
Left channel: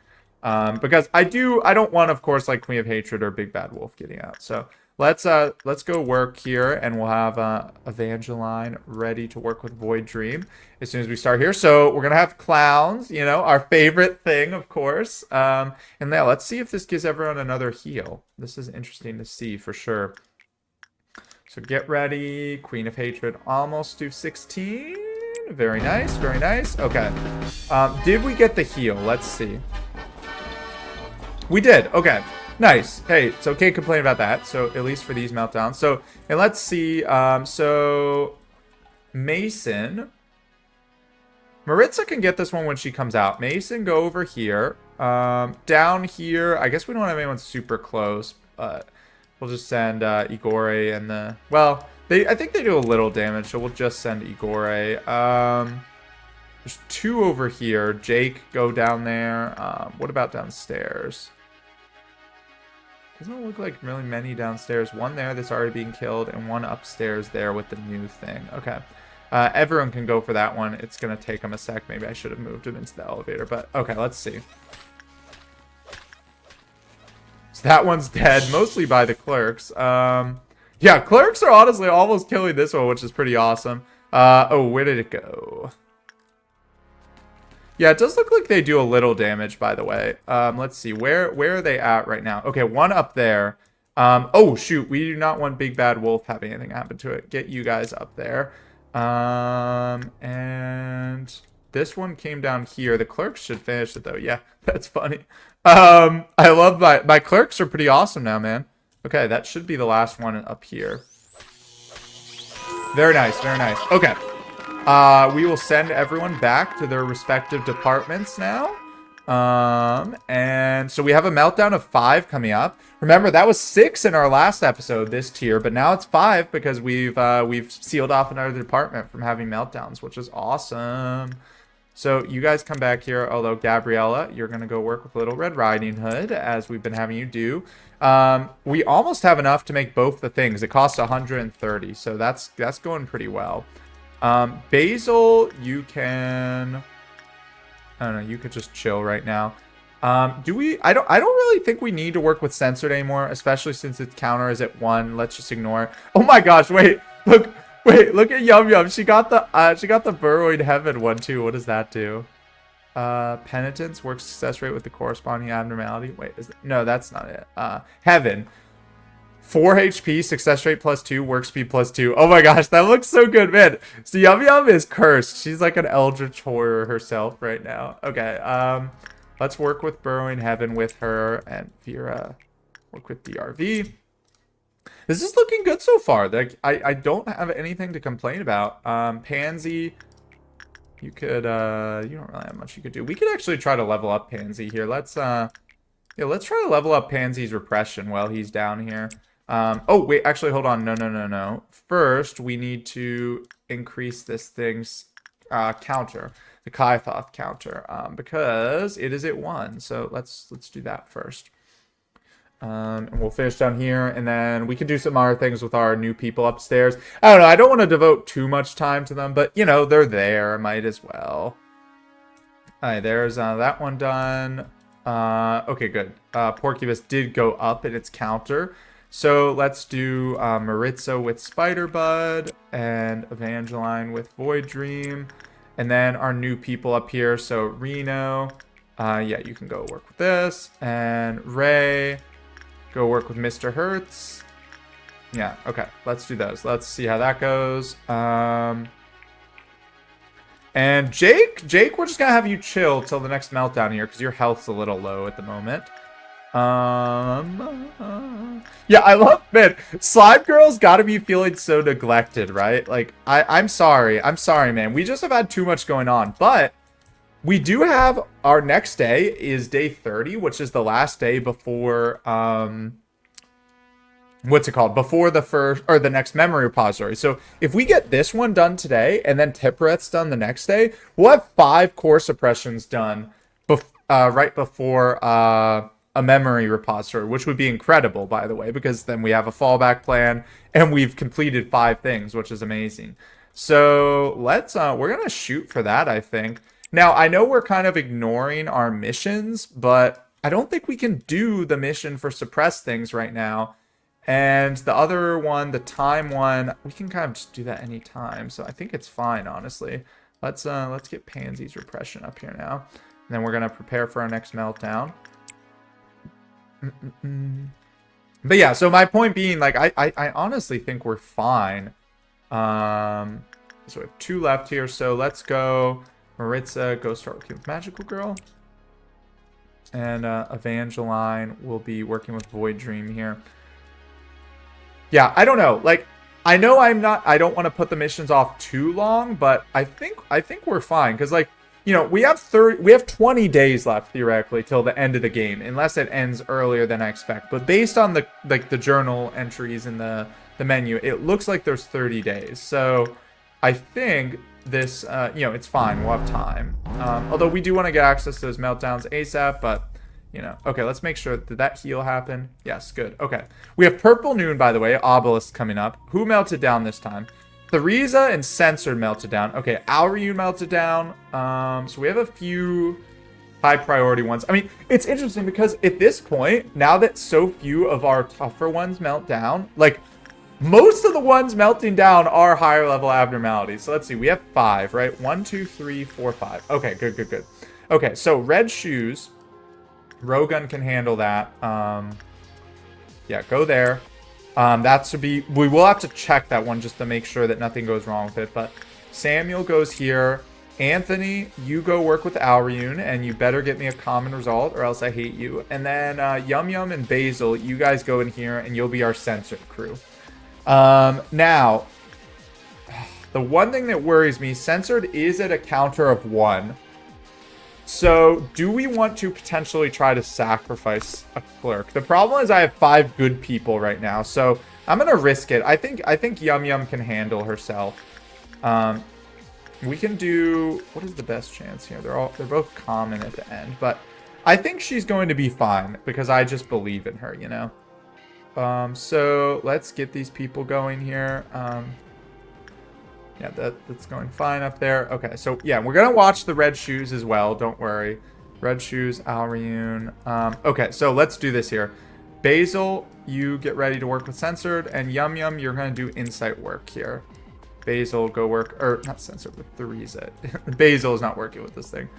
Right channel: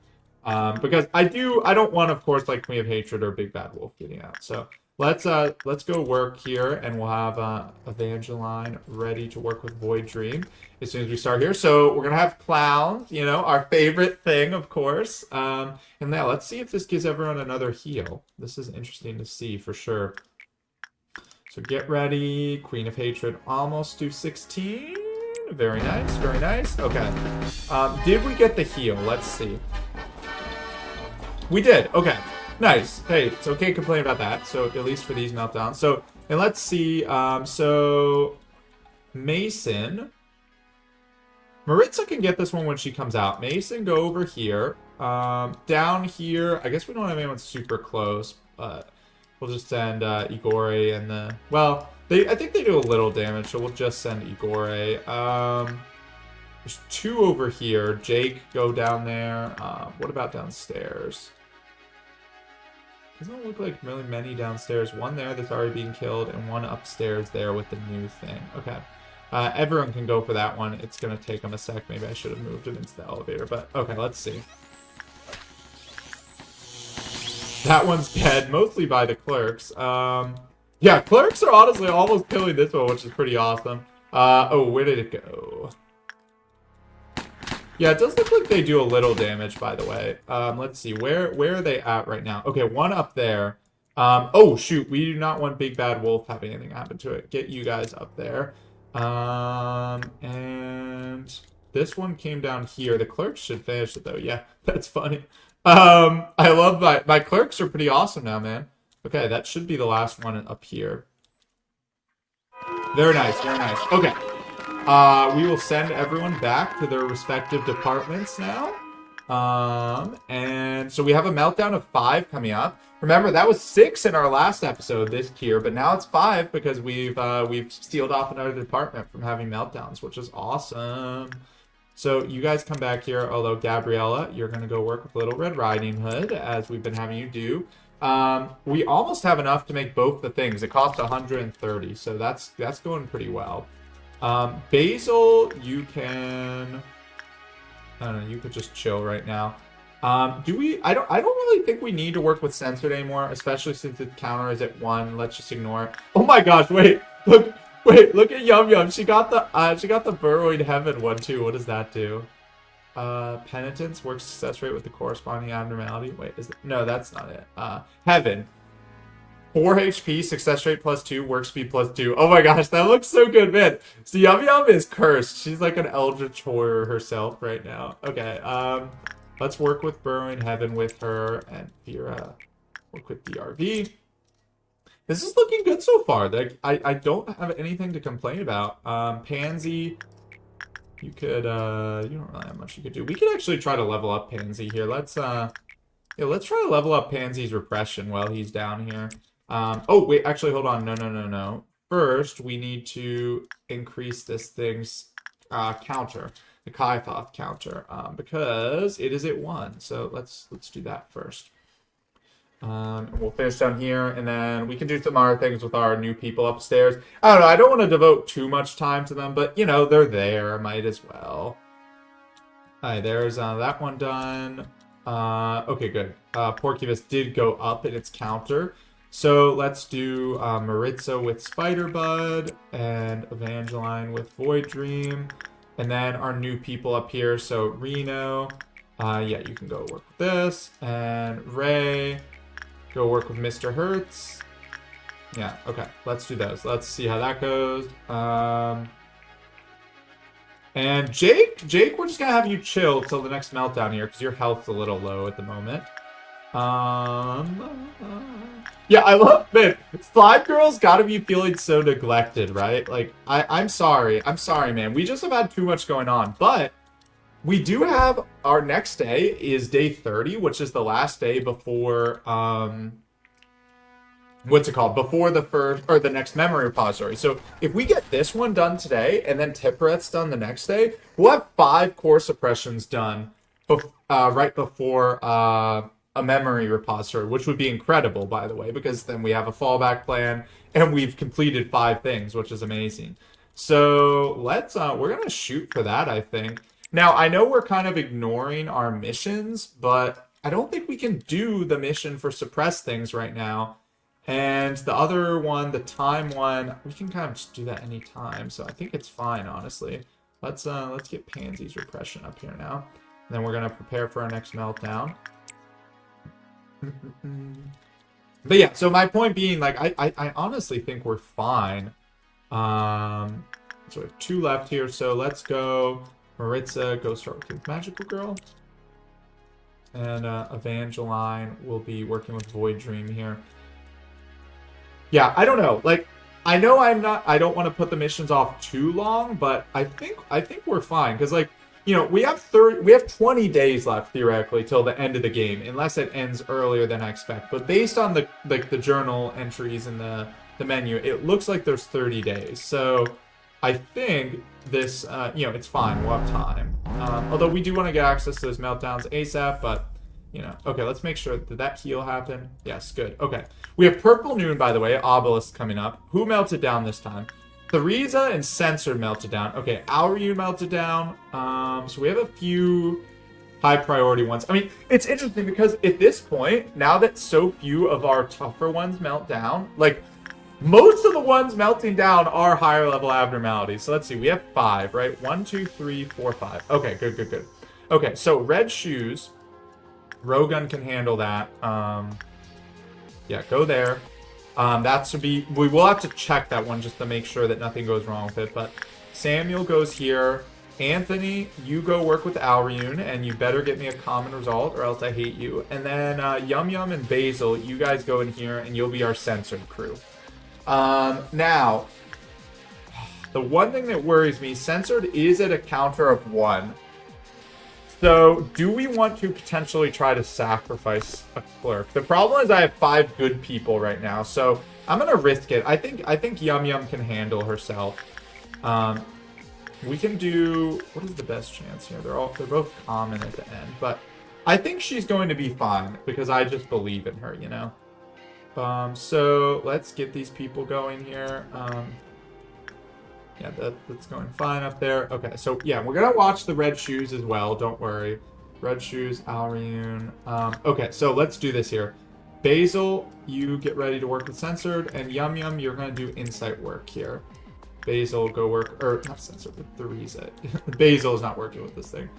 Because I don't want, of course, like Queen of Hatred or Big Bad Wolf getting out. So let's go work here, and we'll have Evangeline ready to work with Void Dream as soon as we start here. So we're gonna have clowns, you know, our favorite thing, of course. And now let's see if this gives everyone another heal. This is interesting to see for sure. So get ready, Queen of Hatred, almost to 16. Very nice, very nice. Okay. Did we get the heal? Let's see. We did. Okay. Nice. Hey, it's okay to complain about that. So at least for these meltdowns. So, and let's see. So Mason. Maritza can get this one when she comes out. Mason, go over here. Down here, I guess we don't have anyone super close, but we'll just send Igore and the... Well, I think they do a little damage, so we'll just send Igore. There's two over here. Jake, go down there. What about downstairs? Doesn't look like really many downstairs. One there that's already being killed, and one upstairs there with the new thing. Okay. Everyone can go for that one. It's going to take them a sec. Maybe I should have moved it into the elevator, but okay, let's see. That one's dead, mostly by the clerks. Yeah, clerks are honestly almost killing this one, which is pretty awesome. Oh, where did it go? Yeah, it does look like they do a little damage, by the way. Let's see, where are they at right now? Okay, one up there. Oh, shoot, we do not want Big Bad Wolf having anything happen to it. Get you guys up there. And this one came down here. The clerks should finish it, though. Yeah, that's funny. I love my clerks are pretty awesome now, man. Okay, that should be the last one up here. Very nice, very nice. Okay. We will send everyone back to their respective departments now. And so we have a meltdown of 5 coming up. Remember, that was 6 in our last episode, this tier, but now it's 5 because we've sealed off another department from having meltdowns, which is awesome. So you guys come back here, although Gabriella, you're going to go work with Little Red Riding Hood, as we've been having you do. We almost have enough to make both the things. It costs 130, so that's going pretty well. Basil, you can... I don't know, you could just chill right now. I don't really think we need to work with censored anymore, especially since its counter is at 1. Let's just ignore it. Oh my gosh, wait, look at Yum Yum. She got the Burrowing Heaven one too. What does that do? Penitence, works success rate with the corresponding abnormality. Wait, no, that's not it. Heaven. 4 HP, success rate +2, work speed +2. Oh my gosh, that looks so good, man. So Yum Yum is cursed. She's like an eldritch horror herself right now. Okay, let's work with Burrowing Heaven with her, and Vera work with DRV. This is looking good so far. Like, I don't have anything to complain about. Pansy, you don't really have much you could do. We could actually try to level up Pansy here. Let's try to level up Pansy's repression while he's down here. Oh, wait, actually, hold on. No. First, we need to increase this thing's counter, the Kaithoth counter, because it is at 1. So let's do that first. And we'll finish down here, and then we could do some other things with our new people upstairs. I don't know, I don't want to devote too much time to them, but, you know, they're there. Might as well. Alright, there's that one done. Okay, good. Porcubus did go up in its counter. So let's do Maritza with Spiderbud and Evangeline with Void Dream. And then our new people up here. So Reno, yeah, you can go work with this. And Ray, go work with Mr. Hertz. Yeah, okay, let's do those. Let's see how that goes. And Jake, we're just gonna have you chill till the next meltdown here because your health's a little low at the moment. Yeah, I love, man, Slime Girl's gotta be feeling so neglected, right? Like, I'm sorry, man. We just have had too much going on, but we do have our next day is day 30, which is the last day before, what's it called? Before the first or the next memory repository. So if we get this one done today and then Tipperet's done the next day, we'll have 5 core suppressions done right before a memory repository, which would be incredible, by the way, because then we have a fallback plan and we've completed 5 things, which is amazing. So let's we're gonna shoot for that, I think. Now I know we're kind of ignoring our missions, but I don't think we can do the mission for suppress things right now. And the other one, the time one, we can kind of just do that anytime. So I think it's fine, honestly. Let's get Pansy's repression up here now. And then we're gonna prepare for our next meltdown. But yeah, so my point being, like, I honestly think we're fine. So we have 2 left here. So let's go. Maritza, go start with Magical Girl. And Evangeline will be working with Void Dream here. Yeah, I don't know. Like, I know I don't want to put the missions off too long, but I think we're fine because, like, you know, we have 20 days left theoretically till the end of the game, unless it ends earlier than I expect. But based on the journal entries in the menu, it looks like there's 30 days. So I think this, you know, it's fine. We'll have time. Although we do want to get access to those meltdowns ASAP, but you know, okay, let's make sure. Did that heal happen? Yes, good. Okay. We have Purple Noon, by the way, Obelisk coming up. Who melted down this time? Theresa and Censored melted down. Okay, Auryu melted down. So we have a few high priority ones. I mean, it's interesting because at this point, now that so few of our tougher ones melt down, like, most of the ones melting down are higher level abnormalities. So let's see, we have 5, right? 1, 2, 3, 4, 5. Okay, good. Okay, so Red Shoes. Rogun can handle that. Yeah, go there. That should be... We will have to check that one just to make sure that nothing goes wrong with it. But Samuel goes here. Anthony, you go work with Aurune, and you better get me a common result or else I hate you. And then Yum Yum and Basil, you guys go in here, and you'll be our censored crew. Now, the one thing that worries me, censored is at a counter of 1. So, do we want to potentially try to sacrifice a clerk? The problem is I have 5 good people right now, so I'm gonna risk it. I think Yum Yum can handle herself. We can do... What is the best chance here? They're both common at the end, but I think she's going to be fine because I just believe in her, you know. So let's get these people going here. Yeah, that's going fine up there. Okay, so yeah, we're gonna watch the Red Shoes as well. Don't worry. Red Shoes, Aurune. Okay, so let's do this here. Basil, you get ready to work with Censored, and Yum Yum, you're gonna do insight work here. Basil, go work, or not Censored, but Theresa. Basil is not working with this thing.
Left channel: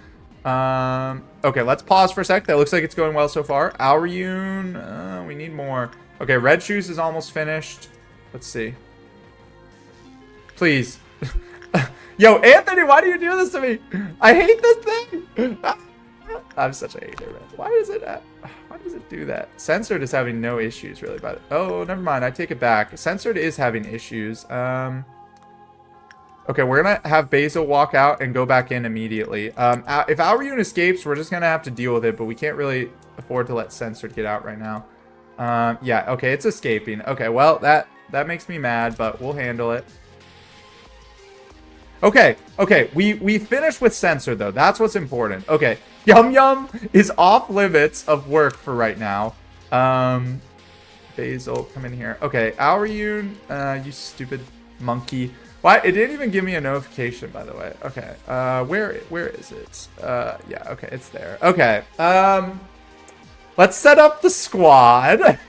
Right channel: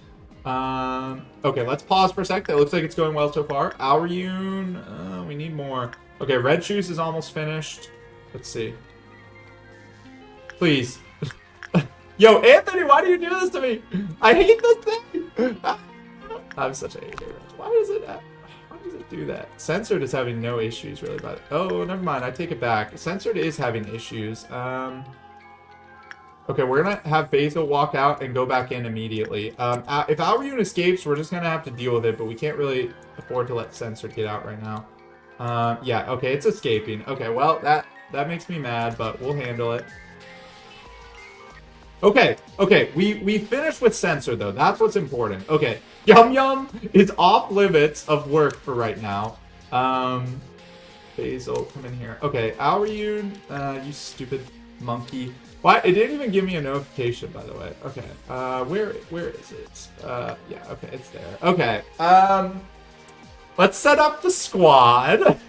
Okay, let's pause for a sec. That looks like it's going well so far. Aurune, we need more. Okay, Red Shoes is almost finished. Let's see. Please. Yo, Anthony, why do you do this to me? I hate this thing. I'm such a hater. Why does it do that? Censored is having no issues really about it. Oh, never mind. I take it back. Censored is having issues. Okay, we're gonna have Basil walk out and go back in immediately. If Aurune escapes, we're just gonna have to deal with it, but we can't really afford to let Censored get out right now. Yeah, okay, it's escaping. Okay, well, that makes me mad, but we'll handle it. Okay, we finished with Censored, though. That's what's important. Okay, Yum Yum is off limits of work for right now. Basil, come in here. Okay, Aurune, you stupid monkey. Why? It didn't even give me a notification, by the way. Okay. Where is it? Yeah. Okay, it's there. Okay. Let's set up the squad.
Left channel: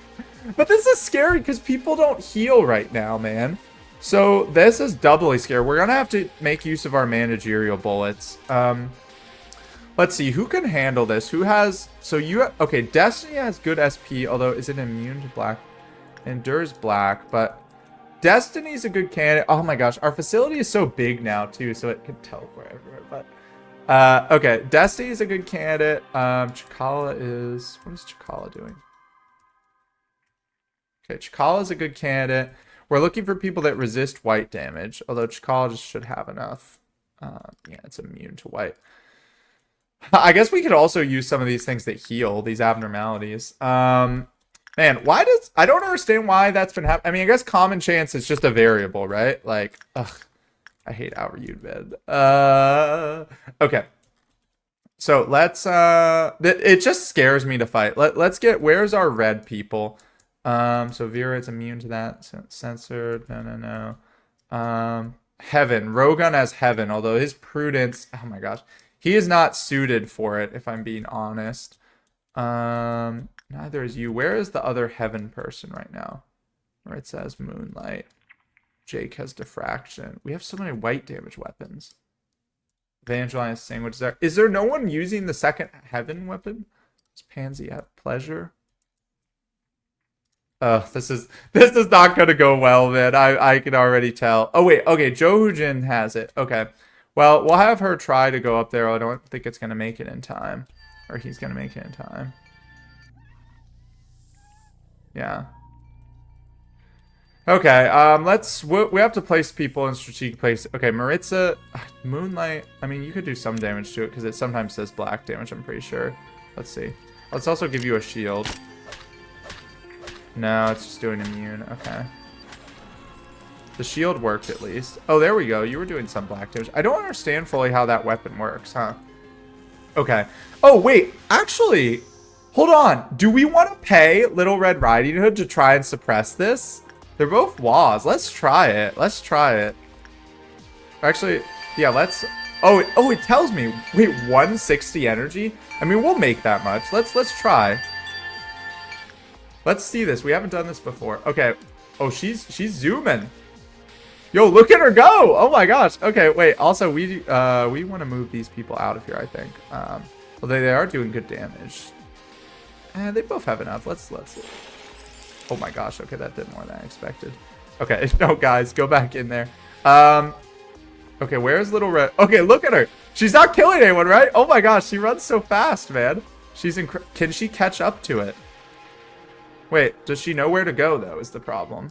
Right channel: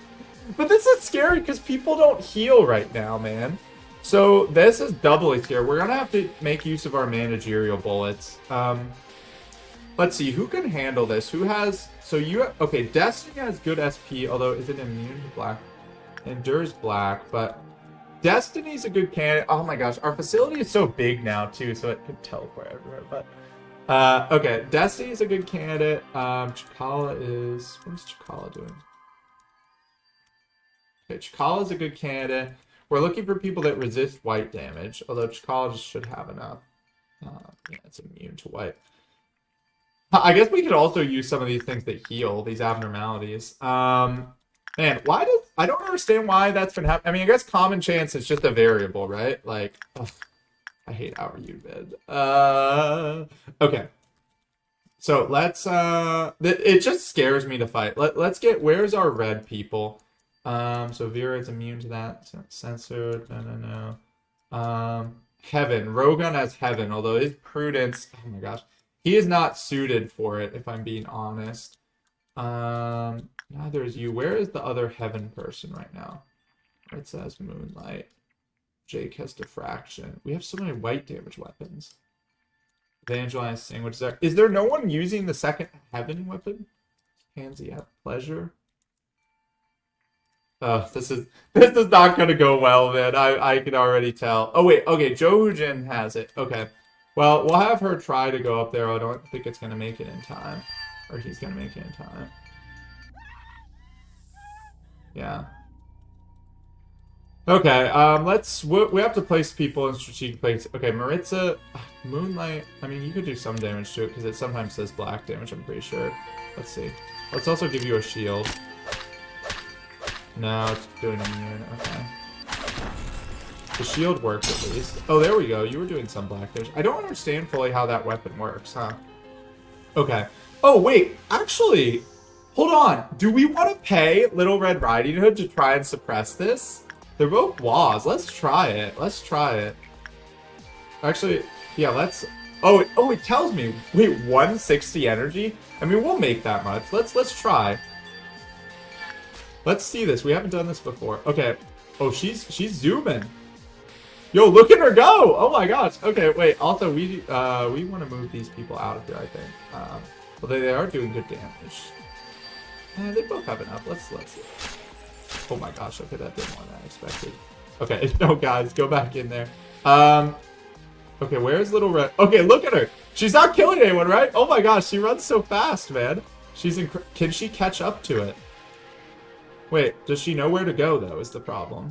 But this is scary because people don't heal right now, man. So this is doubly scary. We're gonna have to make use of our managerial bullets. Let's see who can handle this. Who has? So you. Okay, Destiny has good SP, although is it immune to black? Endures black, but Destiny's a good candidate. Oh my gosh, our facility is so big now too, so it could teleport everywhere. But okay, Destiny's a good candidate. Chikala is. What is Chikala doing? Okay, Chikala is a good candidate. We're looking for people that resist white damage, although Chikala just should have enough. Yeah, it's immune to white. I guess we could also use some of these things that heal these abnormalities. Man, why does... I don't understand why that's been happening. I mean, I guess common chance is just a variable, right? Like, ugh, I hate Outer man. Okay. So let's... it just scares me to fight. Let's get... Where's our red people? So Vera is immune to that. So censored. No. Heaven. Rogun has Heaven, although his prudence... Oh my gosh. He is not suited for it, if I'm being honest. Neither is you. Where is the other Heaven person right now? Where it says Moonlight. Jake has Diffraction. We have so many white damage weapons. Evangelize Sandwich. Is there no one using the second Heaven weapon? Does Pansy have Pleasure? This is not gonna go well, man. I can already tell. Oh wait, okay, Johujin has it. Okay. Well, we'll have her try to go up there. I don't think it's gonna make it in time. Or he's gonna make it in time. Yeah. Okay, we have to place people in strategic place. Okay, Maritza, Moonlight, I mean, you could do some damage to it because it sometimes says black damage, I'm pretty sure. Let's see. Let's also give you a shield. No, it's just doing immune. Okay. The shield worked at least. Oh, there we go. You were doing some black damage. I don't understand fully how that weapon works, huh? Okay. Oh, wait. Actually, hold on. Do we want to pay Little Red Riding Hood to try and suppress this? They're both WAs. Let's try it. Let's try it. Actually, yeah, let's... Oh, it tells me. Wait, 160 energy? I mean, we'll make that much. Let's try. Let's see this. We haven't done this before. Okay. Oh, she's zooming. Yo, look at her go! Oh my gosh. Okay, wait. Also, we want to move these people out of here, I think. Well, they are doing good damage. They both have enough. Let's see. Oh my gosh. Okay, that did more than I expected. Okay, no, guys, go back in there. Okay, where's Little Red? Okay, look at her. She's not killing anyone, right? Oh my gosh, she runs so fast, man. Can she catch up to it? Wait, does she know where to go, though, is the problem.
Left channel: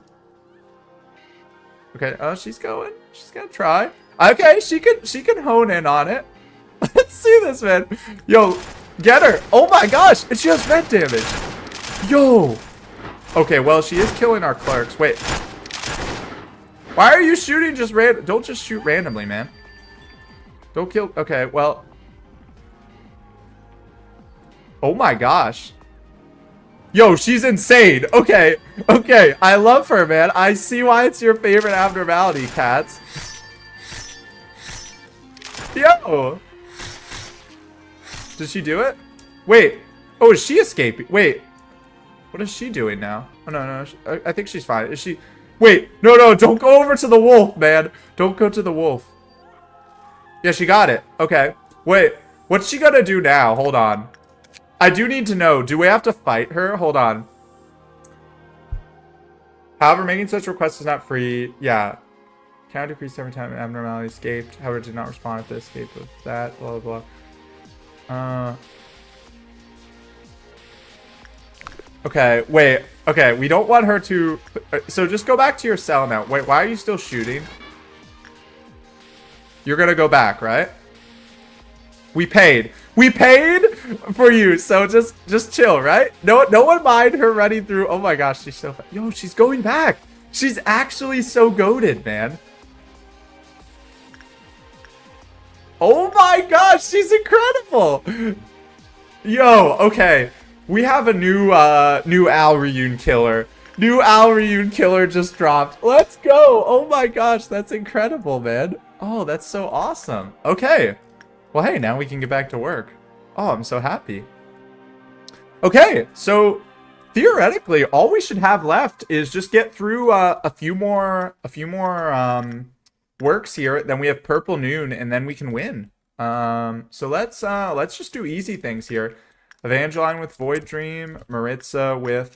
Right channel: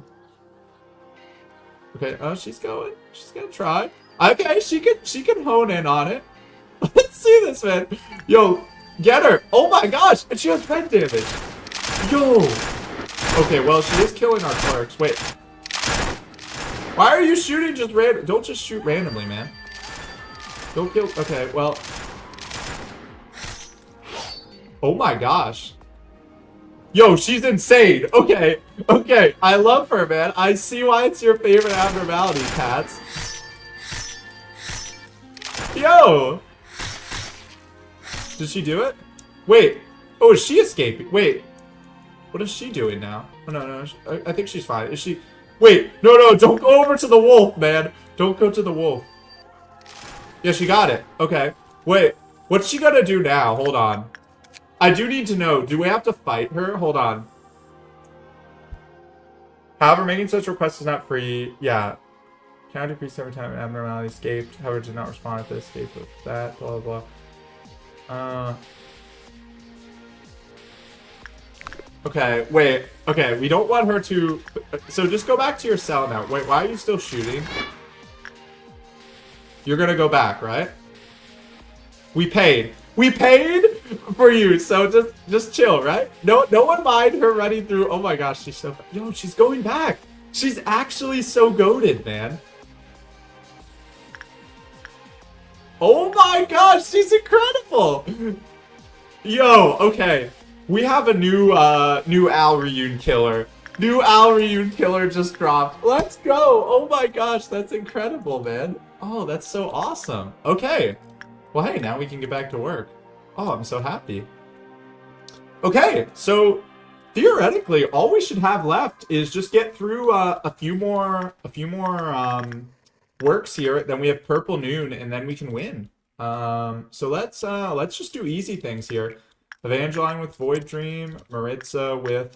Okay, oh, she's going. She's gonna try. Okay, she can hone in on it. Let's see this, man. Yo, get her. Oh my gosh, and she has vent damage. Yo. Okay, well, she is killing our clerks. Wait. Why are you shooting just random? Don't just shoot randomly, man. Don't kill. Okay, well. Oh my gosh. Yo, she's insane. Okay, okay. I love her, man. I see why it's your favorite abnormality, Cats. Yo. Did she do it? Wait. Oh, is she escaping? Wait. What is she doing now? Oh, no. I think she's fine. Is she... Wait. No. Don't go over to the wolf, man. Don't go to the wolf. Yeah, she got it. Okay. Wait. What's she gonna do now? Hold on. I do need to know. Do we have to fight her? Hold on. However, making such requests is not free. Yeah. Count decreased every time an abnormality escaped. However, did not respond to the escape of that. Blah, blah, blah. Okay, wait. Okay, we don't want her to... So just go back to your cell now. Wait, why are you still shooting? You're gonna go back, right? We paid. We paid for you, so just chill, right? No one mind her running through. Oh my gosh, she's so... Yo, she's going back. She's actually so goated, man. Oh my gosh, she's incredible. Yo, okay. We have a new Al Reun killer. New Al Reun killer just dropped. Let's go. Oh my gosh, that's incredible, man. Oh, that's so awesome. Okay. Well, hey, now we can get back to work. Oh, I'm so happy. Okay, so theoretically, all we should have left is just get through a few more works here. Then we have Purple Noon, and then we can win. So let's just do easy things here. Evangeline with Void Dream, Maritza with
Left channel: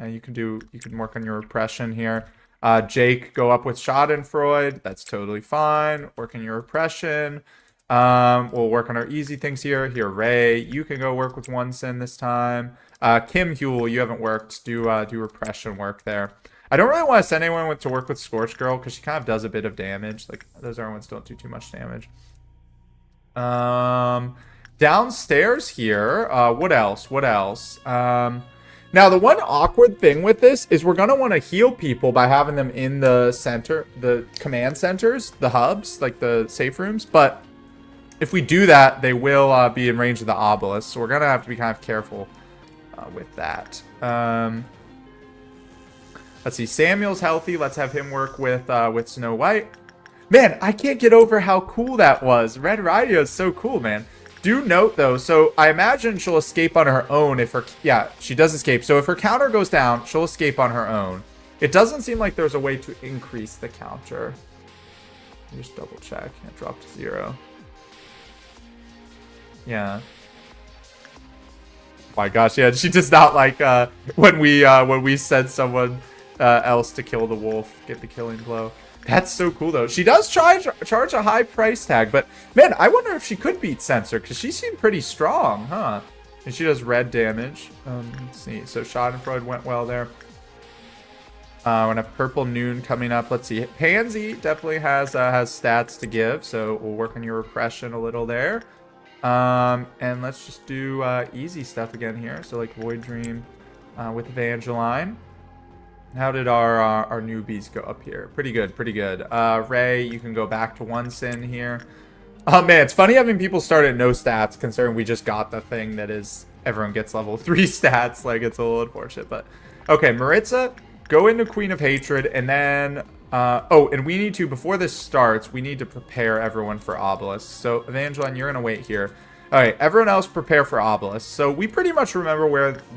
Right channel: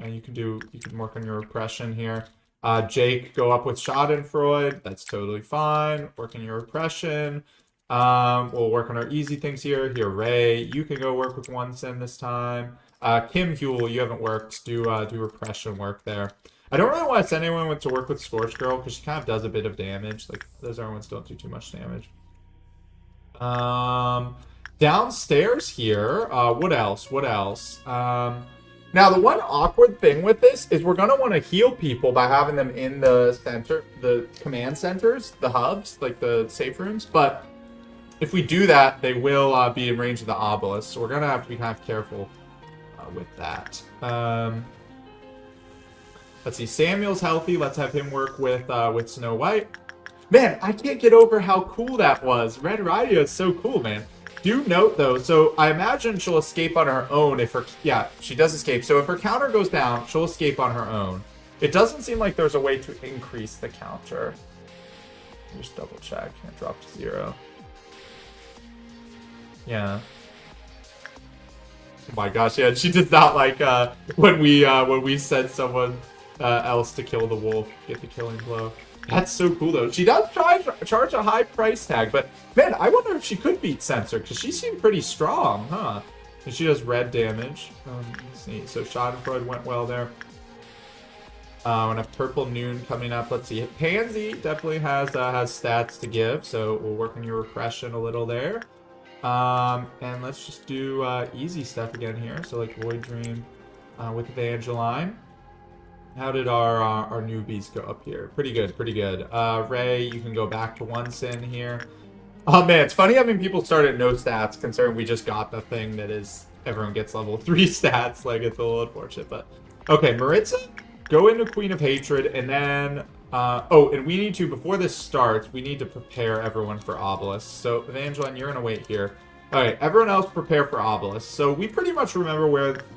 and you can work on your repression here. Jake, go up with Schadenfreude. That's totally fine. Work on your repression. We'll work on our easy things here. Here, Ray, you can go work with One Sin this time. Kim Huel, you haven't worked. Do repression work there. I don't really want to send anyone to work with Scorch Girl because she kind of does a bit of damage. Like, those other ones don't do too much damage. Downstairs here, what else? Now, the one awkward thing with this is we're going to want to heal people by having them in the center, the command centers, the hubs, like the safe rooms. But if we do that, they will be in range of the obelisk. So we're going to have to be kind of careful with that. Let's see. Samuel's healthy. Let's have him work with Snow White. Man, I can't get over how cool that was. Red Riding is so cool, man. Do note, though, so I imagine she'll escape on her own if her... Yeah, she does escape. So if her counter goes down, she'll escape on her own. It doesn't seem like there's a way to increase the counter. Just double check. Can't drop to 0. Yeah. Oh my gosh, yeah, she does not like when we send someone else to kill the wolf, get the killing blow. That's so cool, though. She does charge a high price tag, but, man, I wonder if she could beat Censor, because she seemed pretty strong, huh? And she does red damage. Let's see. So Schadenfreude went well there. We're going to have Purple Noon coming up. Let's see. Pansy definitely has stats to give, so we'll work on your repression a little there. And let's just do easy stuff again here. So, like, Void Dream with Evangeline. How did our newbies go up here? Pretty good, pretty good. Ray, you can go back to One Sin here. Oh man, it's funny having people start at no stats, considering we just got the thing that is everyone gets level 3 stats. Like, it's a little unfortunate, but okay. Maritza, go into Queen of Hatred, and then oh, and we need to, before this starts, we need to prepare everyone for Obelisk. So Evangeline, you're gonna wait here. All right, everyone else prepare for Obelisk. So we pretty much remember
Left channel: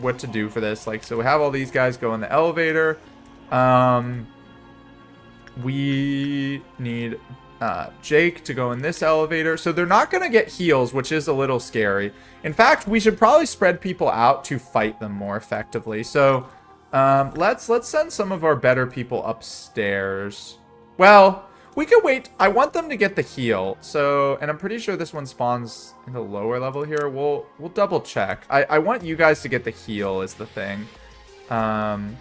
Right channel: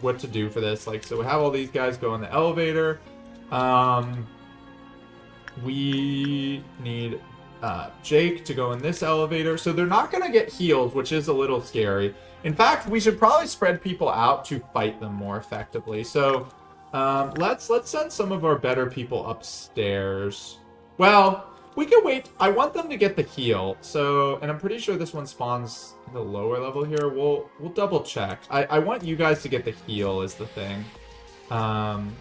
what to do for this. Like, so we have all these guys go in the elevator. We need Jake to go in this elevator. So they're not going to get heals, which is a little scary. In fact, we should probably spread people out to fight them more effectively. So let's send some of our better people upstairs. Well, we could wait. I want them to get the heal. So, and I'm pretty sure this one spawns in the lower level here. We'll double check. I want you guys to get the heal is the thing. I'm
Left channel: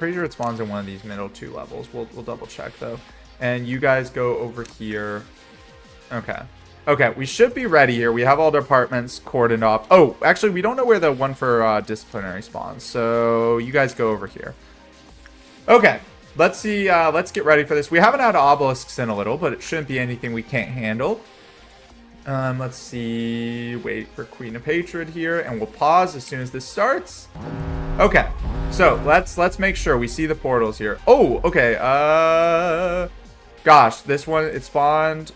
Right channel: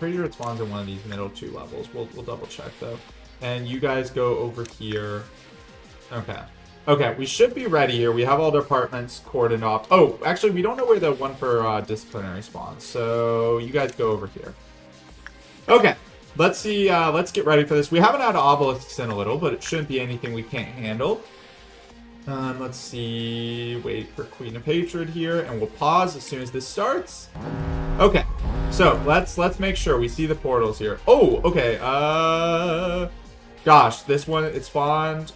pretty sure it spawns in one of these middle 2 levels. We'll double check though. And you guys go over here. Okay. Okay, we should be ready here. We have all the apartments cordoned off. Oh, actually, we don't know where the one for disciplinary spawns. So you guys go over here. Okay. Let's see, let's get ready for this. We haven't had obelisks in a little, but it shouldn't be anything we can't handle. Let's see, wait for Queen of Hatred here, and we'll pause as soon as this starts. Okay, so let's make sure we see the portals here. Oh, okay, gosh, this one, it spawned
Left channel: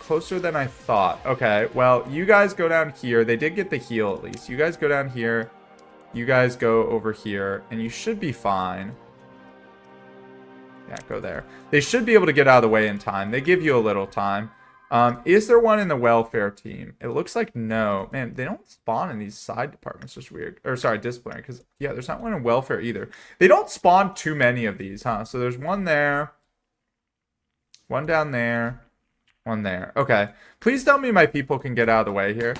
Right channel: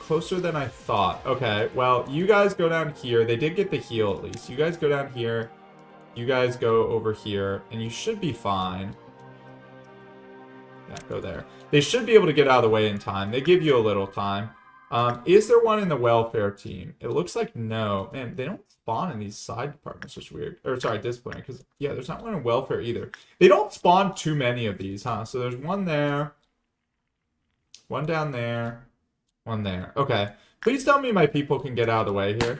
closer than I thought. Okay, well, you guys go down here. They did get the heal at least. You guys go down here. You guys go over here, and you should be fine. Yeah, go there. They should be able to get out of the way in time. They give you a little time. Is there one in the welfare team? It looks like no. Man, they don't spawn in these side departments, which is weird. Or sorry, disciplinary, because yeah, there's not one in welfare either. They don't spawn too many of these, huh? So there's one there, one down there, one there. Okay. Please tell me my people can get out of the way here.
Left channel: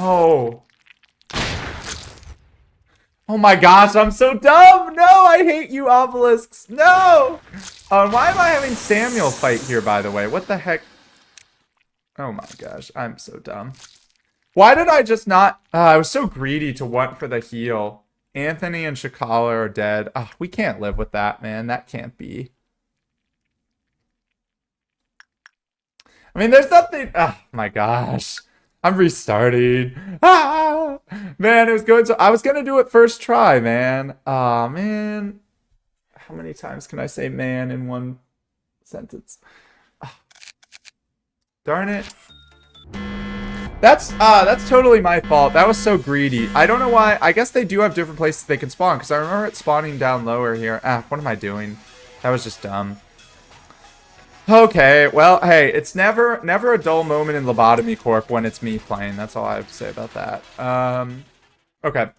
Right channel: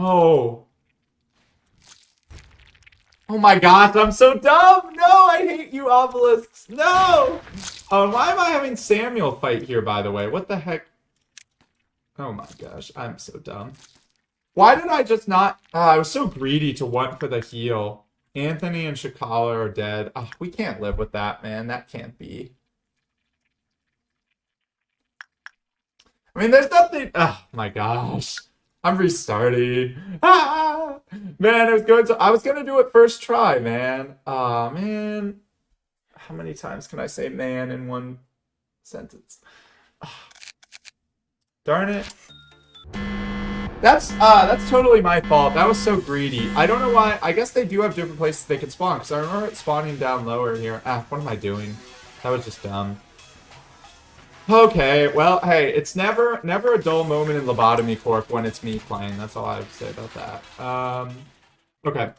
No. Oh my gosh, I'm so dumb! No, I hate you, obelisks! No! Why am I having Samuel fight here, by the way? What the heck? Oh my gosh, I'm so dumb. Why did I just not... I was so greedy to want for the heal. Anthony and Shakala are dead. We can't live with that, man. That can't be. I mean, there's nothing... Oh my gosh. I'm restarting. Man, it was going so. I was gonna do it first try, man. Aw, man. How many times can I say man in one sentence? Darn it. That's totally my fault. That was so greedy. I don't know why. I guess they do have different places they can spawn, because I remember it spawning down lower here. Ah, what am I doing? That was just dumb. Okay, well, hey, it's never a dull moment in Lobotomy Corp when it's me playing. That's all I have to say about that. Okay.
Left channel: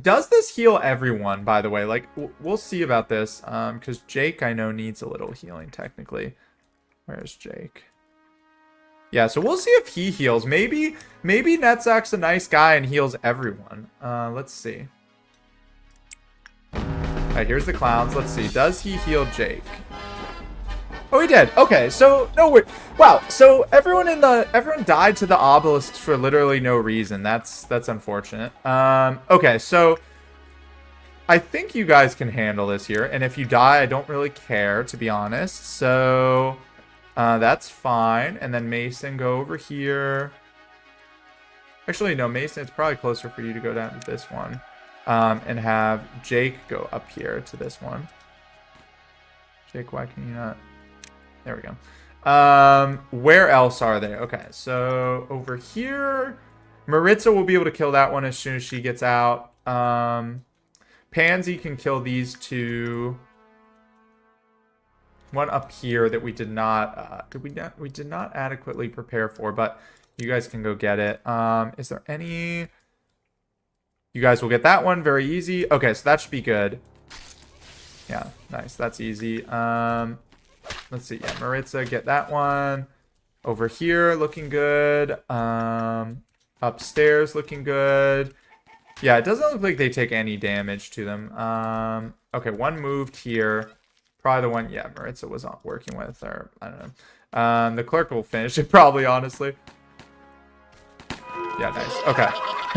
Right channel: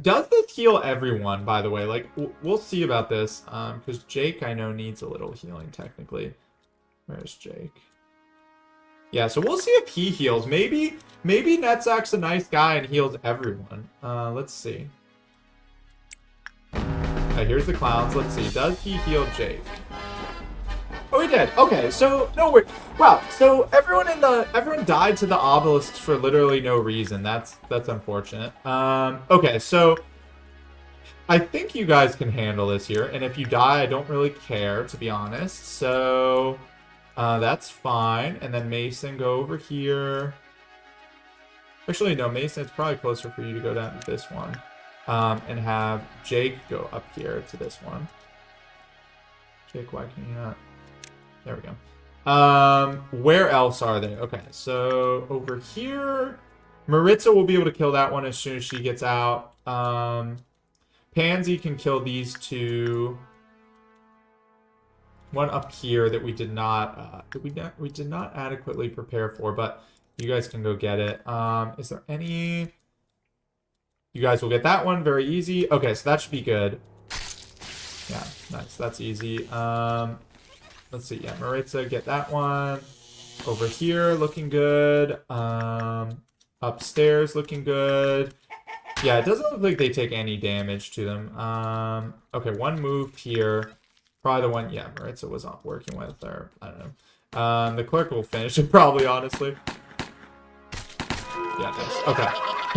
Does this heal everyone, by the way? Like, we'll see about this, because Jake, I know, needs a little healing, technically. Where's Jake? Yeah, so we'll see if he heals. Maybe Netzach's a nice guy and heals everyone. Let's see. Okay, here's the clowns. Let's see. Does he heal Jake? Oh, he did. Okay, so no worries. Wow. So everyone died to the obelisks for literally no reason. That's unfortunate. Okay, so I think you guys can handle this here, and if you die, I don't really care, to be honest. So that's fine. And then Mason, go over here. Actually, no, Mason, it's probably closer for you to go down to this one. And have Jake go up here to this one. Jake, why can you not? There we go. Where else are they? Okay, so over here, Maritza will be able to kill that one as soon as she gets out. Pansy can kill these two. One up here that we did not adequately prepare for, but you guys can go get it. Is there any? You guys will get that one very easy. Okay, so that should be good. Yeah, nice. That's easy. Let's see. Yeah, Maritza, get that one. Over here, looking good. Upstairs, looking good. Yeah, it doesn't look like they take any damage to them. Okay, one moved here. Probably the one, yeah, Maritza was not working with, or I don't know. The clerk will finish it probably, honestly. Yeah, nice. Okay.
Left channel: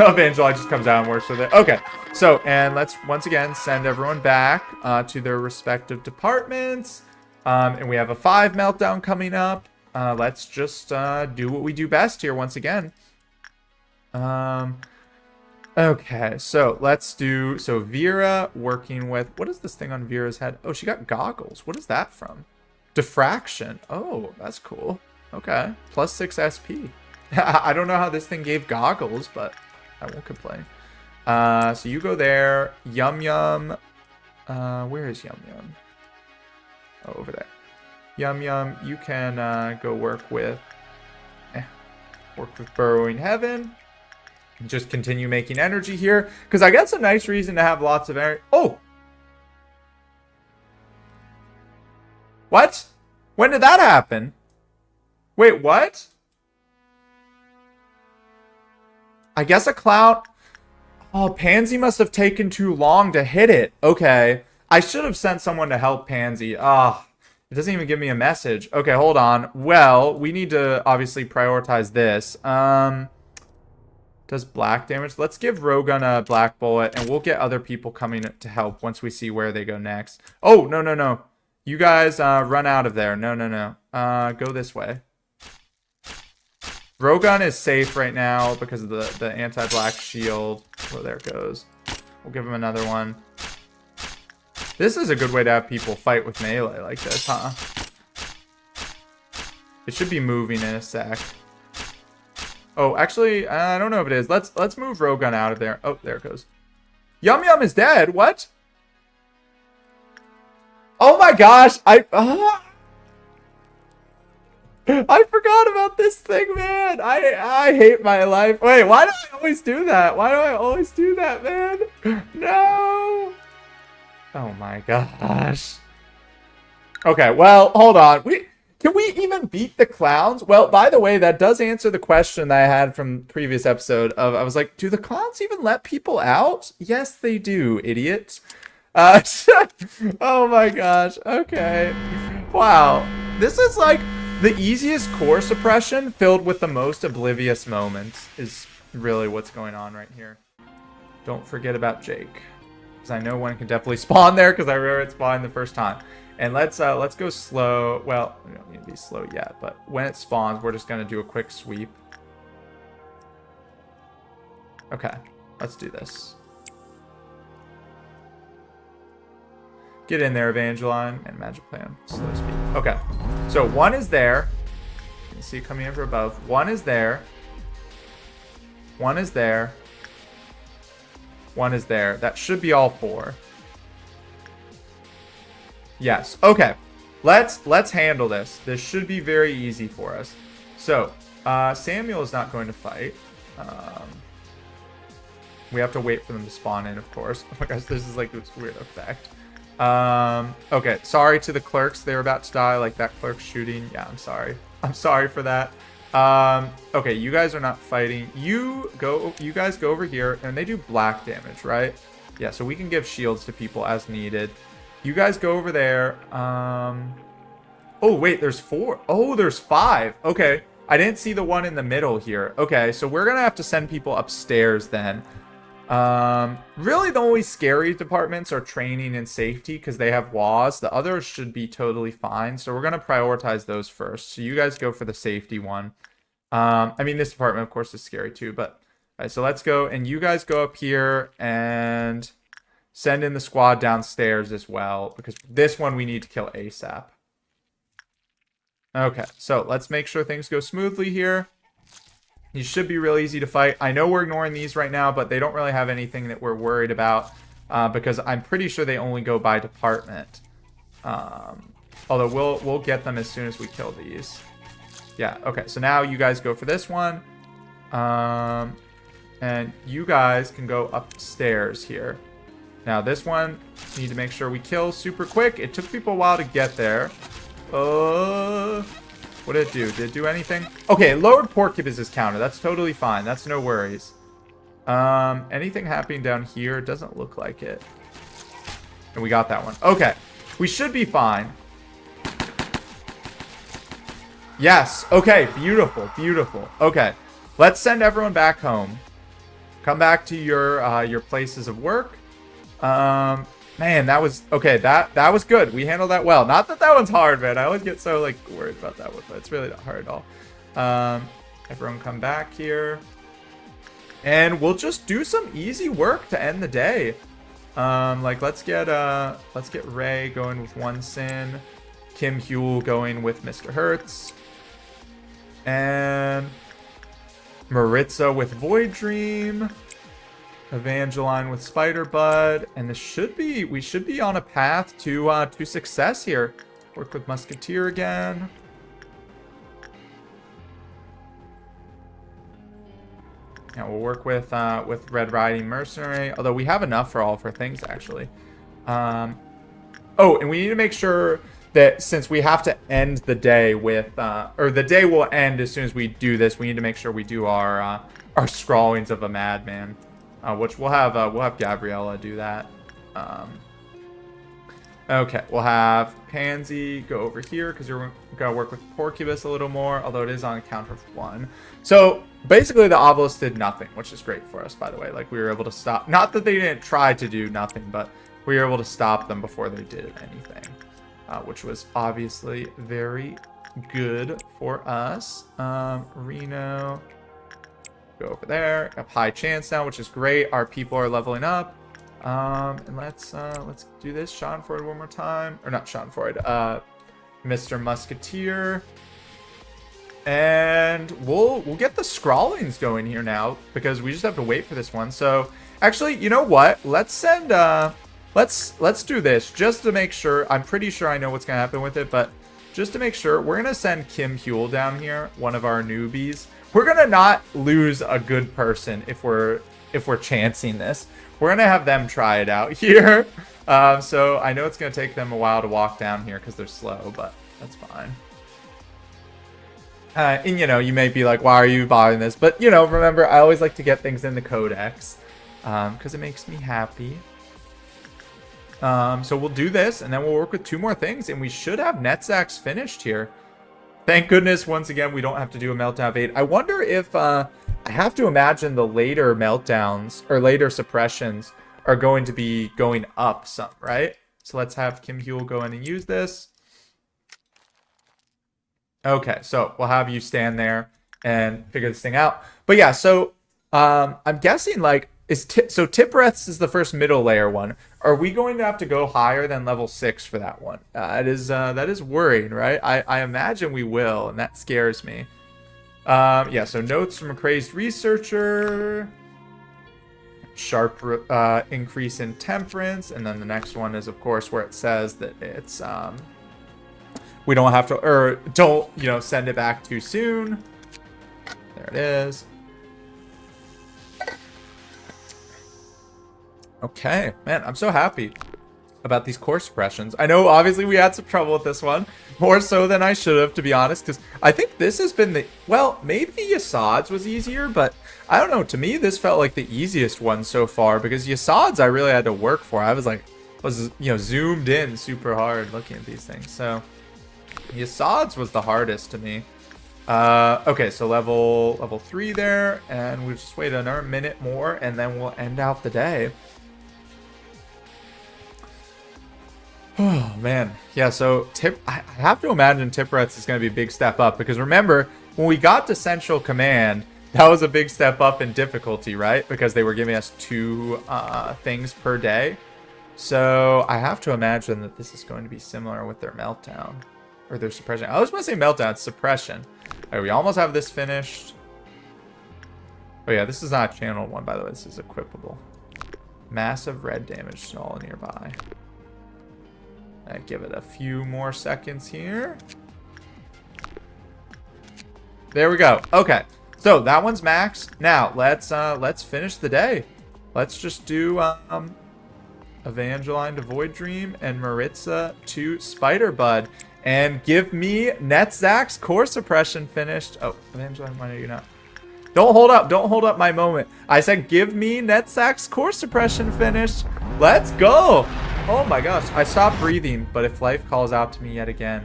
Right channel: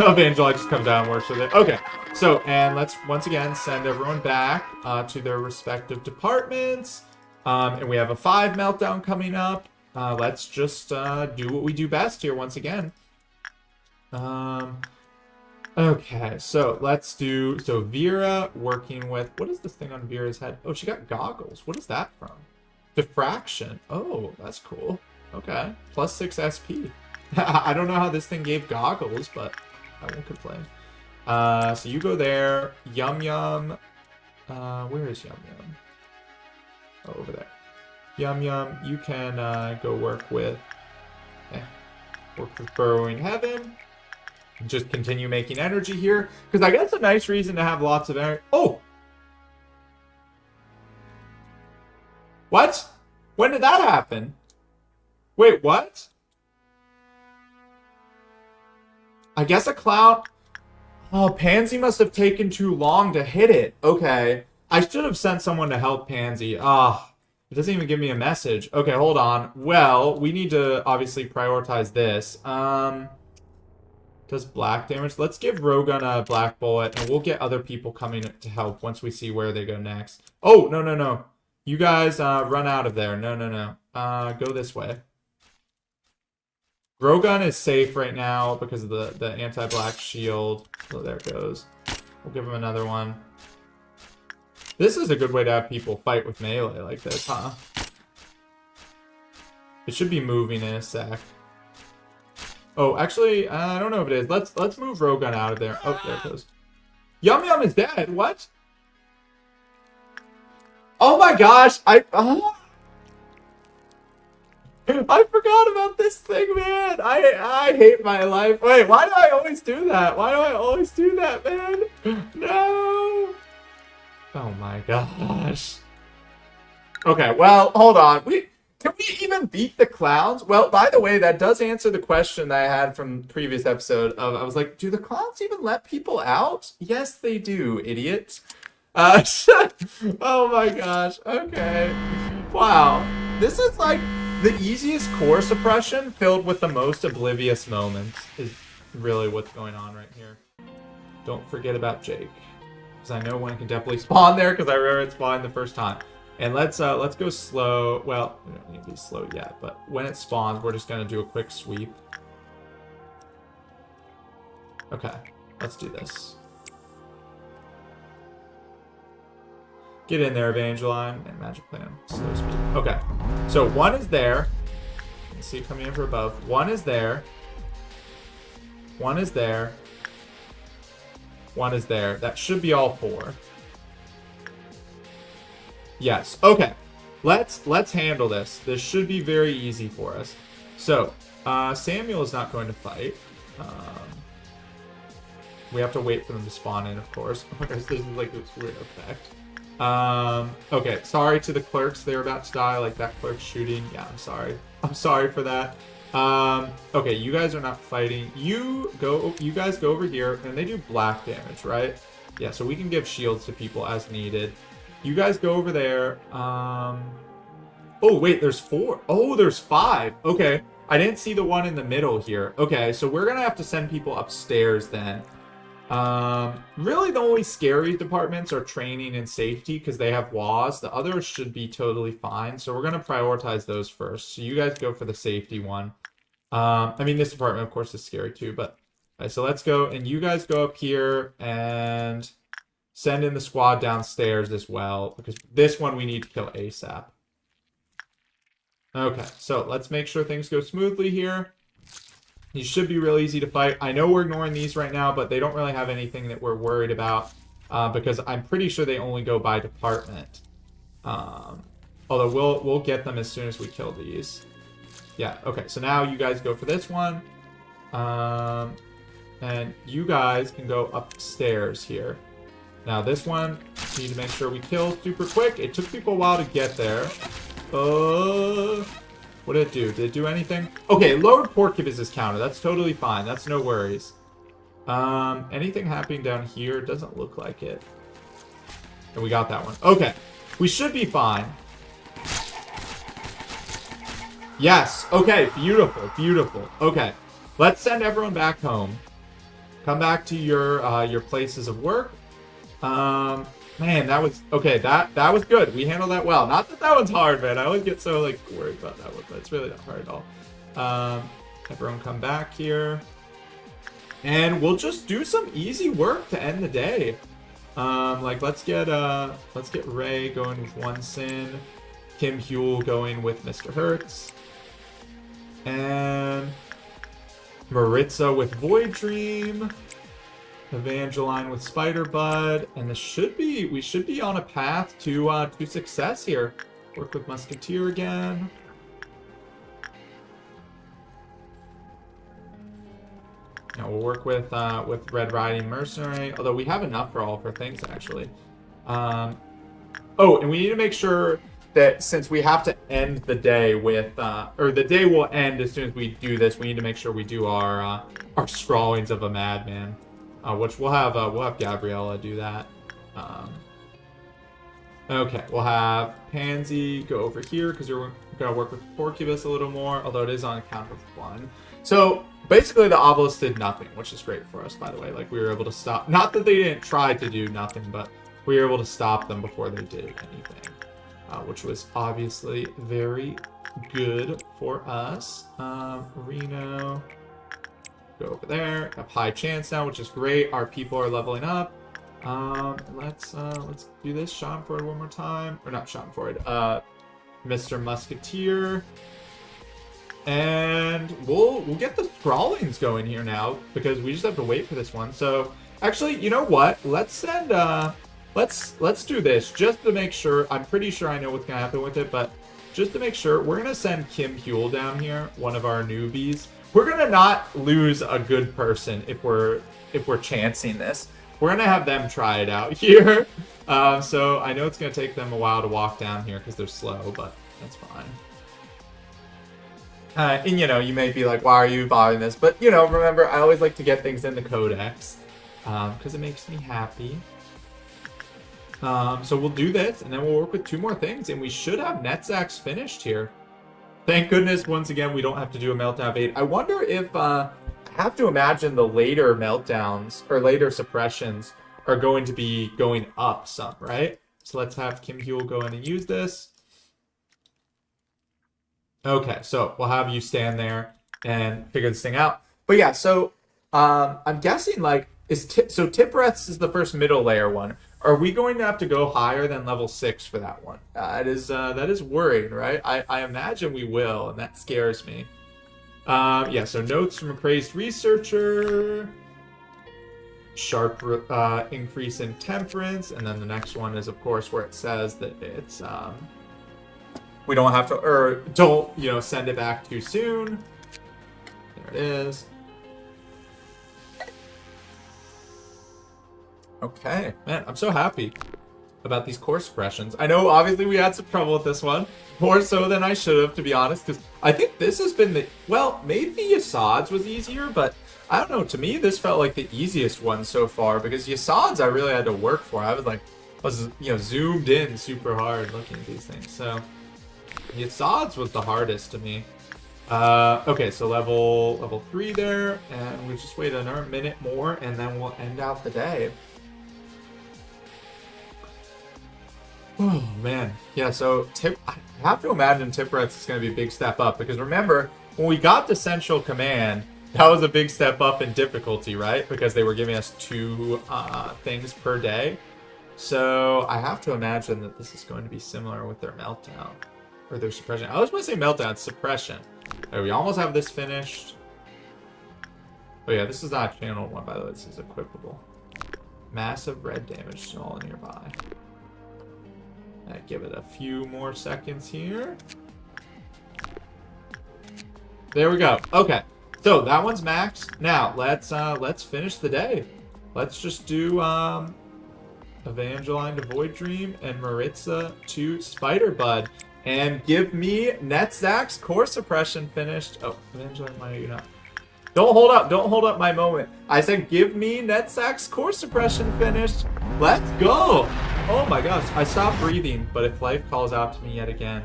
Evangeli just comes down and works with it. Okay. So, and let's once again send everyone back to their respective departments. And we have a 5 meltdown coming up. Let's just do what we do best here once again. Okay, so let's do, so Vera working with, what is this thing on Vera's head? Oh, she got goggles. What is that from? Diffraction. Oh, that's cool. Okay, plus 6 SP. I don't know how this thing gave goggles, but I won't complain. So you go there. Yum Yum. Where is Yum Yum? Oh, over there. Yum Yum, you can go work with Burrowing Heaven. Just continue making energy here, because I guess a nice reason to have lots of energy. Oh! What? When did that happen? Wait, what? I guess a cloud... Oh, Pansy must have taken too long to hit it. Okay. I should have sent someone to help Pansy. Ah, it doesn't even give me a message. Okay, hold on. Well, we need to obviously prioritize this. Does black damage? Let's give Rogun a black bullet, and we'll get other people coming to help once we see where they go next. Oh, no, no, no. You guys run out of there. No, no, no. Go this way. Rogun is safe right now because of the anti-black shield. Oh, there it goes. We'll give him another one. This is a good way to have people fight with melee like this, huh? It should be moving in a sec. Oh, actually, I don't know if it is. Let's move Rogun out of there. Oh, there it goes. Yum Yum is dead. What? Oh my gosh! I forgot about this thing, man. I hate my life. Wait, why do I always do that? Why do I always do that, man? No. Oh my gosh. Okay, well, hold on. Can we even beat the clowns? Well, by the way, that does answer the question that I had from the previous episode of, I was like, do the clowns even let people out? Yes, they do, idiot. Oh my gosh. Okay. Wow. This is like the easiest core suppression filled with the most oblivious moments is really what's going on right here. Don't forget about Jake. Because I know one can definitely spawn there because I remember it spawned the first time. And let's go slow. Well, we don't need to be slow yet, but when it spawns, we're just gonna do a quick sweep. Okay. Let's do this. Get in there, Evangeline, and Magic Plan. Okay, so 1 is there. You see it coming in from above. 1 is there. 1 is there. 1 is there. That should be all 4. Yes. Okay. Let's handle this. This should be very easy for us. So, Samuel is not going to fight. We have to wait for them to spawn in, of course. Oh my gosh, this is like this weird effect. Okay, sorry to the clerks. They're about to die, like that clerk shooting. Yeah, I'm sorry. I'm sorry for that. Okay, you guys are not fighting. You guys go over here, and they do black damage, right? Yeah, so we can give shields to people as needed. You guys go over there. Oh, wait, there's 4. Oh, there's 5. Okay, I didn't see the one in the middle here. Okay, so we're gonna have to send people upstairs then. Really the only scary departments are training and safety because they have WAS. The others should be totally fine. So we're going to prioritize those first. So you guys go for the safety one. I mean, this department, of course, is scary too, but all right, so let's go. And you guys go up here and send in the squad downstairs as well, because this one we need to kill ASAP. Okay, so let's make sure things go smoothly here. These should be really easy to fight. I know we're ignoring these right now, but they don't really have anything that we're worried about because I'm pretty sure they only go by department. Although we'll get them as soon as we kill these. Yeah, okay. So now you guys go for this one. And you guys can go upstairs here. Now this one, we need to make sure we kill super quick. It took people a while to get there. What did it do? Did it do anything? Okay, lowered Porcupus's counter. That's totally fine. That's no worries. Anything happening down here? Doesn't look like it. And we got that one. Okay. We should be fine. Yes. Okay. Beautiful. Beautiful. Okay. Let's send everyone back home. Come back to your places of work. Man, that was okay. That was good. We handled that well. Not that that one's hard, man. I always get so like worried about that one, but it's really not hard at all. Everyone come back here, and we'll just do some easy work to end the day. Like let's get Ray going with 1 sin, Kim Huel going with Mr. Hertz, and Maritza with Void Dream. Evangeline with Spider Bud, and we should be on a path to success here. Work with Musketeer again. Now we'll work with Red Riding Mercenary, although we have enough for all of our things actually. Oh, and we need to make sure that since we have to end the day with, or the day will end as soon as we do this, we need to make sure we do our Scrawlings of a Madman. Which we'll have Gabriella do that. Okay, we'll have Pansy go over here because you're gonna work with Porcupus a little more, although it is on a count of 1. So basically, the Obelisk did nothing, which is great for us, by the way. Like we were able to stop. Not that they didn't try to do nothing, but we were able to stop them before they did anything, which was obviously very good for us. Reno. Go over there. Have high chance now, which is great. Our people are leveling up. And let's do this. Sean Ford one more time, or not Sean Ford. Mr. Musketeer, and we'll get the Scrawlings going here now because we just have to wait for this one. So actually, you know what? Let's send. Let's do this just to make sure. I'm pretty sure I know what's gonna happen with it, but just to make sure, we're gonna send Kim Huel down here, one of our newbies. We're gonna not lose a good person if we're chancing this. We're gonna have them try it out here. So I know it's gonna take them a while to walk down here because they're slow, but that's fine. And you know, you may be like, why are you bothering this? But you know, remember, I always like to get things in the codex because it makes me happy. So we'll do this, and then we'll work with 2 more things, and we should have Netzachs finished here. Thank goodness, once again, we don't have to do a meltdown of 8. I wonder if, I have to imagine the later meltdowns, or later suppressions, are going to be going up some, right? So let's have Kim Huel go in and use this. Okay, so we'll have you stand there and figure this thing out. But yeah, so, I'm guessing, like, So Tippereth's is the first middle layer one. Are we going to have to go higher than level 6 for that one? That is worrying, right? I imagine we will, and that scares me. Yeah, so notes from a crazed researcher. Sharp increase in temperance, and then the next one is, of course, where it says that it's we don't have to, or don't, send it back too soon. There it is. Okay, man, I'm so happy about these core suppressions. I know, obviously, we had some trouble with this one. More so than I should have, to be honest, because I think this has been the... Well, maybe Yassad's was easier, but I don't know. To me, this felt like the easiest one so far, because Yassad's I really had to work for. I was zoomed in super hard looking at these things. So, Yassad's was the hardest to me. Okay, so level 3 there, and we just wait another minute more, and then we'll end out the day. Oh, man. Yeah, so I have to imagine Tippereth's is going to be a big step up, because remember, when we got to Central Command, that was a big step up in difficulty, right? Because they were giving us 2 things per day. So I have to imagine that this is going to be similar with their Meltdown. Or their Suppression. I was going to say Meltdown, it's Suppression. Okay, we almost have this finished. Oh yeah, this is not a channeled one, by the way. This is equipable. Massive red damage to all nearby. Give it a few more seconds here. There we go. Okay, so that one's max. Now let's finish the day. Let's just do Evangeline to Void Dream and Maritza to Spiderbud, and give me Netzach's core suppression finished. Oh, Evangeline, why are you not? Don't hold up my moment. I said give me Netzach's core suppression finished. Let's go. Oh my gosh, I stopped breathing, but if life calls out to me yet again.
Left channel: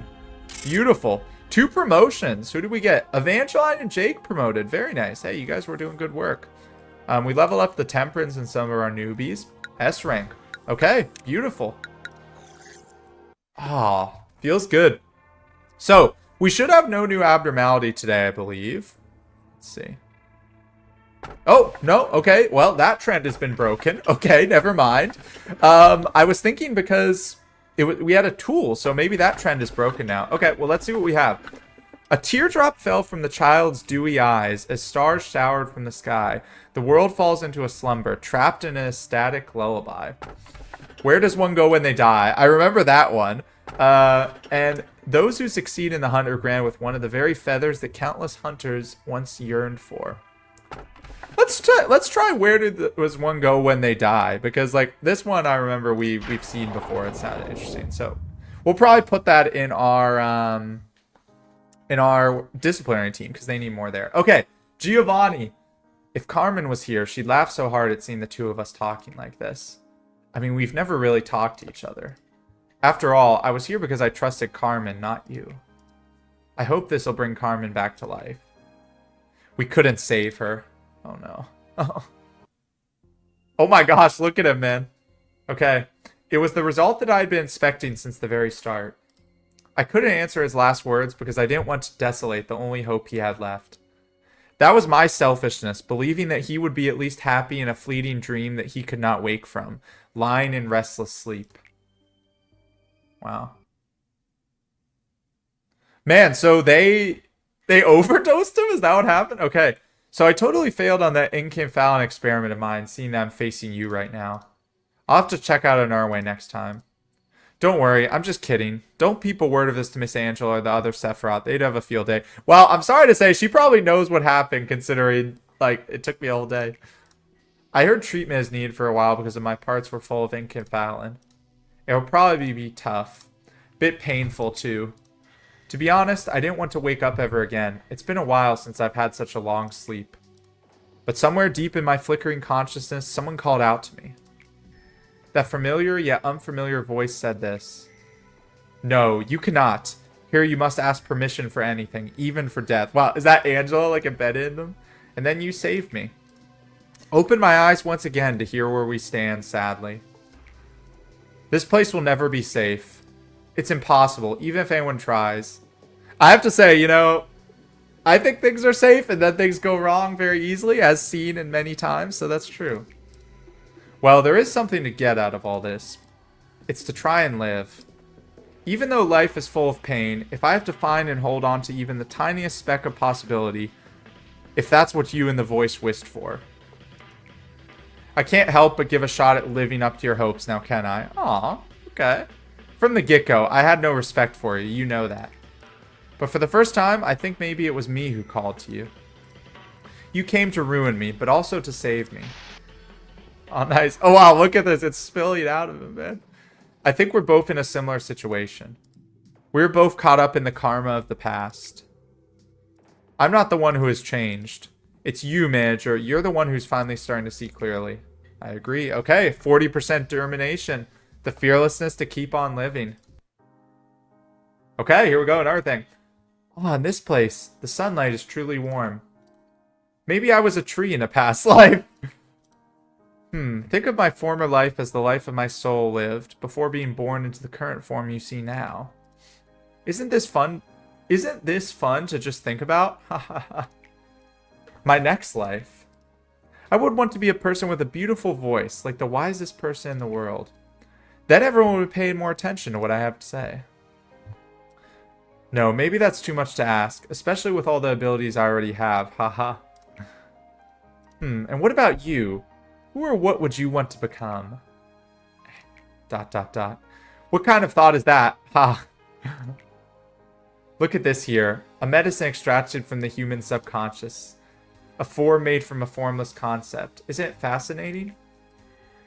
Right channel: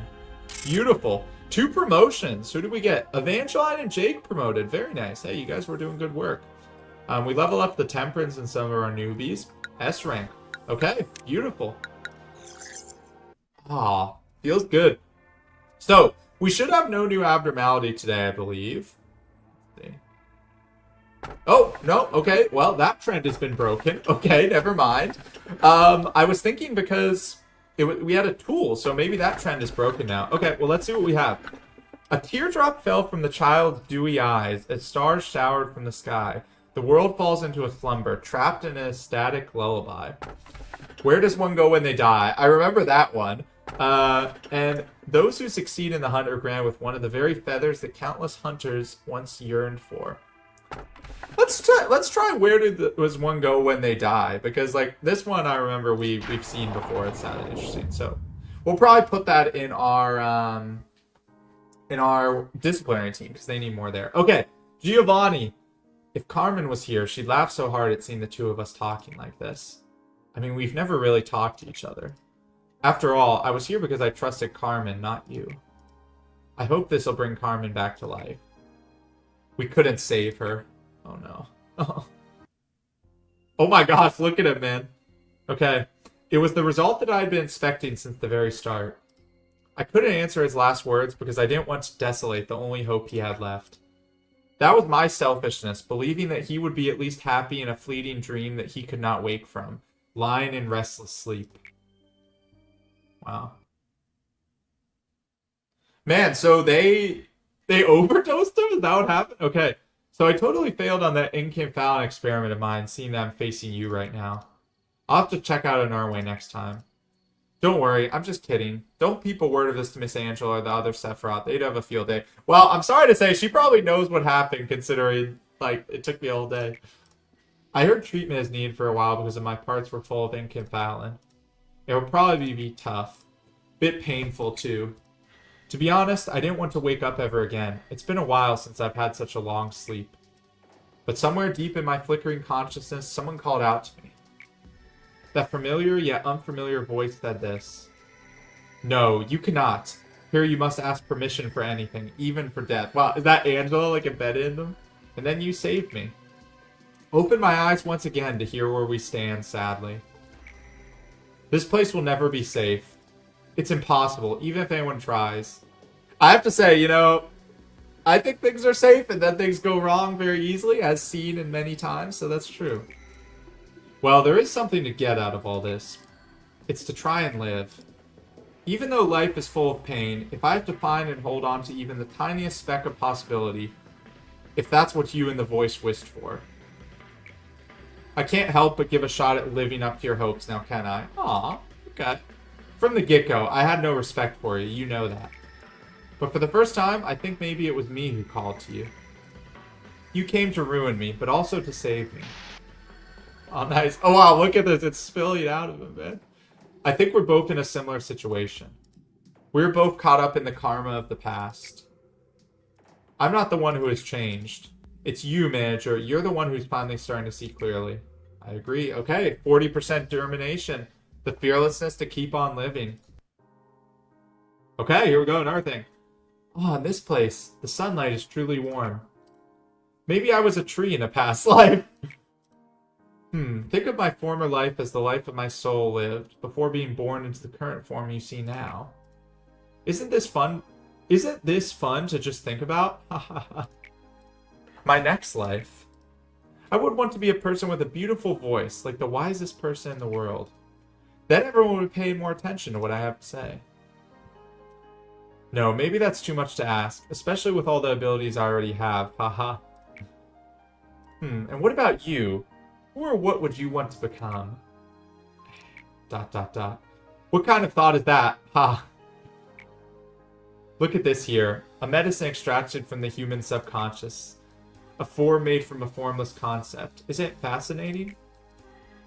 Beautiful. 2 promotions. Who did we get? Evangeline and Jake promoted. Very nice. Hey, you guys were doing good work. We level up the temperance and some of our newbies. S rank. Okay, beautiful. Ah, feels good. So, we should have no new abnormality today, I believe. Let's see. Oh, no, okay, well, that trend has been broken. Okay, never mind. I was thinking because we had a tool, so maybe that trend is broken now. Okay, well, let's see what we have. A teardrop fell from the child's dewy eyes as stars showered from the sky. The world falls into a slumber, trapped in an ecstatic lullaby. Where does one go when they die? I remember that one. And those who succeed in the hunt are granted with one of the very feathers that countless hunters once yearned for. Let's try where does one go when they die, because like this one I remember we've seen before. It sounded interesting, so we'll probably put that in our disciplinary team because they need more there. Okay, Giovanni. If Carmen was here, she'd laugh so hard at seeing the 2 of us talking like this. I mean, we've never really talked to each other. After all, I was here because I trusted Carmen, not you. I hope this will bring Carmen back to life. We couldn't save her. Oh no. Oh my gosh, look at him, man. Okay. It was the result that I had been expecting since the very start. I couldn't answer his last words because I didn't want to desolate the only hope he had left. That was my selfishness, believing that he would be at least happy in a fleeting dream that he could not wake from, lying in restless sleep. Wow. Man, so they overdosed him? Is that what happened? Okay. So I totally failed on that Incan experiment of mine, seeing that I'm facing you right now. I'll have to check out a Norway next time. Don't worry, I'm just kidding. Don't peep a word of this to Miss Angela or the other Sephiroth. They'd have a field day. Well, I'm sorry to say, she probably knows what happened, considering, like, it took me all day. I heard treatment is needed for a while because of my parts were full of Incan. It will probably be tough. Bit painful, too. To be honest, I didn't want to wake up ever again. It's been a while since I've had such a long sleep. But somewhere deep in my flickering consciousness, someone called out to me. That familiar yet unfamiliar voice said this. No, you cannot. Here you must ask permission for anything, even for death. Wow, is that Angela like embedded in them? And then you saved me. Open my eyes once again to hear where we stand, sadly. This place will never be safe. It's impossible, even if anyone tries. I have to say, I think things are safe and then things go wrong very easily, as seen in many times, so that's true. Well, there is something to get out of all this. It's to try and live. Even though life is full of pain, if I have to find and hold on to even the tiniest speck of possibility, if that's what you and the voice wished for, I can't help but give a shot at living up to your hopes now, can I? Aw, okay. From the get-go, I had no respect for you, you know that. But for the first time, I think maybe it was me who called to you. You came to ruin me, but also to save me. Oh, nice. Oh, wow, look at this. It's spilling out of him, man. I think we're both in a similar situation. We're both caught up in the karma of the past. I'm not the one who has changed. It's you, manager. You're the one who's finally starting to see clearly. I agree. Okay, 40% determination. The fearlessness to keep on living. Okay, here we go. Another thing. Oh, in this place, the sunlight is truly warm. Maybe I was a tree in a past life. Think of my former life as the life of my soul lived before being born into the current form you see now. Isn't this fun? Isn't this fun to just think about? My next life. I would want to be a person with a beautiful voice, like the wisest person in the world. Then everyone would pay more attention to what I have to say. No, maybe that's too much to ask, especially with all the abilities I already have. Haha. And what about you? Who or what would you want to become? ... What kind of thought is that? Ha. Look at this here. A medicine extracted from the human subconscious. A form made from a formless concept. Isn't it fascinating?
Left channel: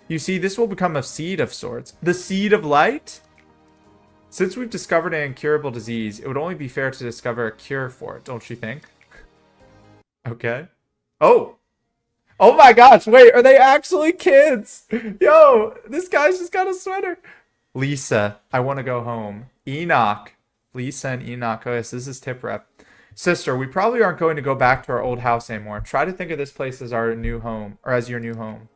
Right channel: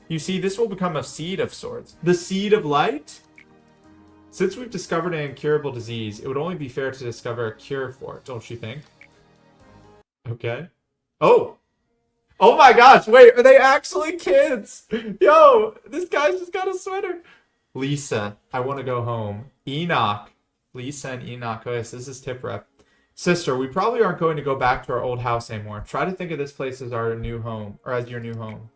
You see, this will become a seed of sorts. The seed of light? Since we've discovered an incurable disease, it would only be fair to discover a cure for it, don't you think? Okay. Oh! Oh my gosh, wait, are they actually kids? Yo, this guy's just got a sweater. Lisa, I want to go home. Enoch. Lisa and Enoch. Oh yes, this is tip rep. Sister, we probably aren't going to go back to our old house anymore. Try to think of this place as our new home, or as your new home.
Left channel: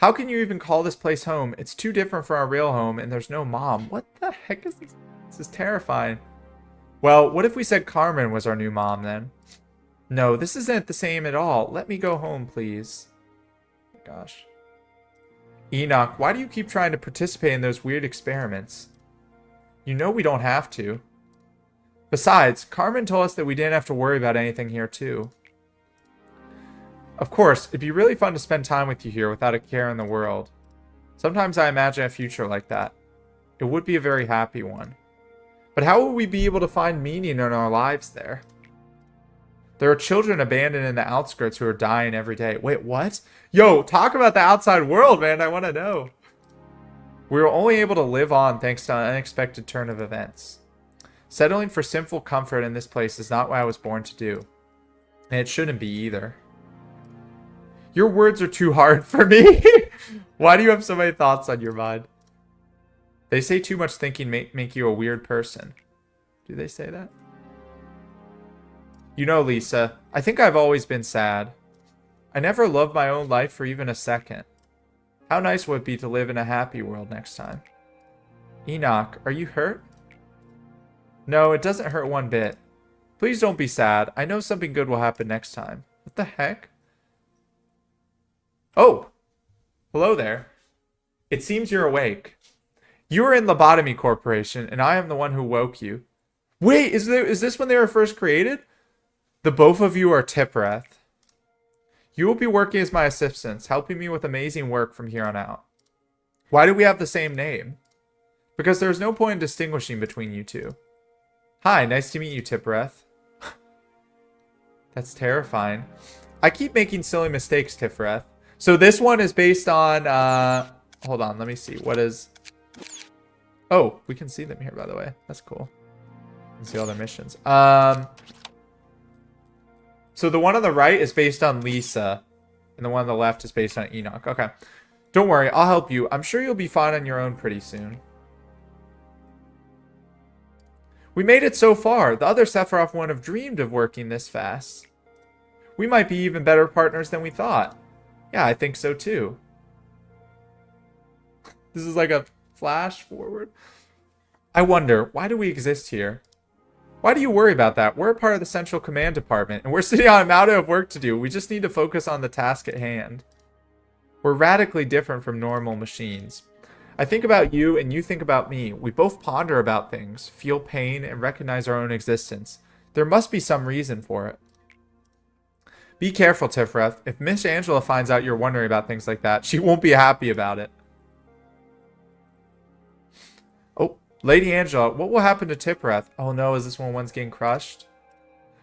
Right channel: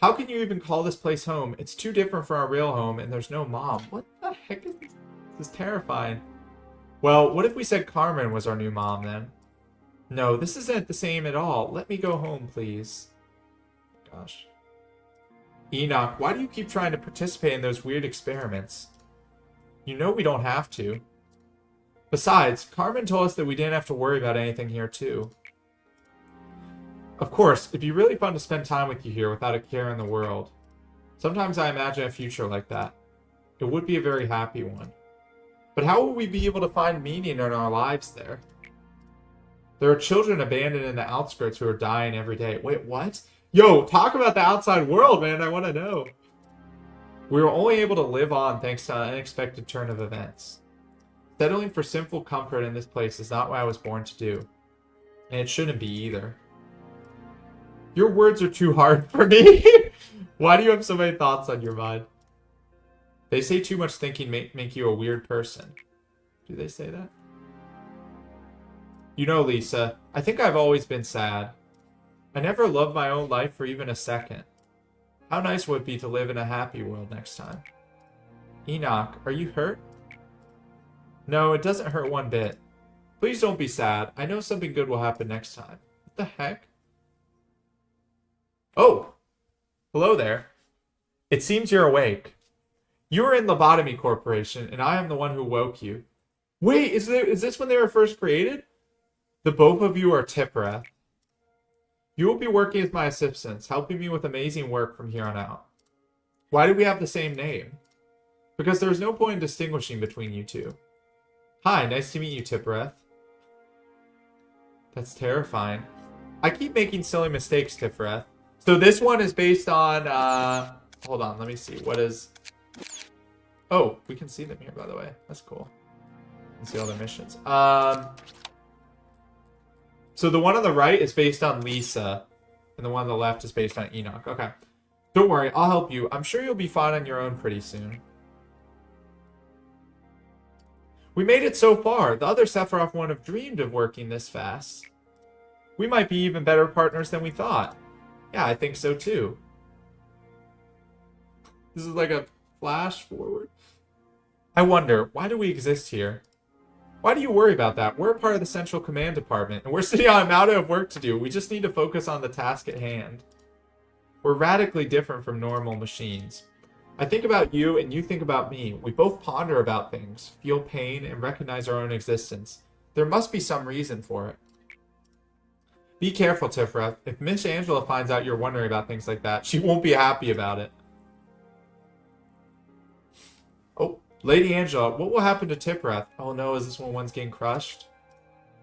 How can you even call this place home? It's too different from our real home, and there's no mom. What the heck is this? This is terrifying. Well, what if we said Carmen was our new mom then? No, this isn't the same at all. Let me go home, please. Gosh. Enoch, why do you keep trying to participate in those weird experiments? You know we don't have to. Besides, Carmen told us that we didn't have to worry about anything here, too. Of course, it'd be really fun to spend time with you here without a care in the world. Sometimes I imagine a future like that. It would be a very happy one. But how will we be able to find meaning in our lives there? There are children abandoned in the outskirts who are dying every day. Wait, what? Yo, talk about the outside world, man. I want to know. We were only able to live on thanks to an unexpected turn of events. Settling for sinful comfort in this place is not what I was born to do. And it shouldn't be either. Your words are too hard for me. Why do you have so many thoughts on your mind? They say too much thinking make you a weird person. Do they say that? You know, Lisa, I think I've always been sad. I never loved my own life for even a second. How nice would it be to live in a happy world next time? Enoch, are you hurt? No, it doesn't hurt one bit. Please don't be sad. I know something good will happen next time. What the heck? Oh! Hello there. It seems you're awake. You are in Lobotomy Corporation, and I am the one who woke you. Wait, is this when they were first created? The both of you are Tipreth. You will be working as my assistants, helping me with amazing work from here on out. Why do we have the same name? Because there's no point in distinguishing between you two. Hi, nice to meet you, Tipreth. That's terrifying. I keep making silly mistakes, Tipreth. So this one is based on, hold on, let me see. What is... Oh, we can see them here, by the way. That's cool. You can see all their missions. So the one on the right is based on Lisa, and the one on the left is based on Enoch. Okay. Don't worry, I'll help you. I'm sure you'll be fine on your own pretty soon. We made it so far. The other Sephiroth wouldn't have dreamed of working this fast. We might be even better partners than we thought. Yeah, I think so too. This is like a flash forward. I wonder, why do we exist here? Why do you worry about that? We're a part of the Central Command Department, and we're sitting on a mountain of work to do. We just need to focus on the task at hand. We're radically different from normal machines. I think about you and you think about me. We both ponder about things, feel pain, and recognize our own existence. There must be some reason for it. Be careful, Tifreth. If Miss Angela finds out you're wondering about things like that, she won't be happy about it. Oh, Lady Angela, what will happen to Tifreth? Oh no, is this when one's getting crushed?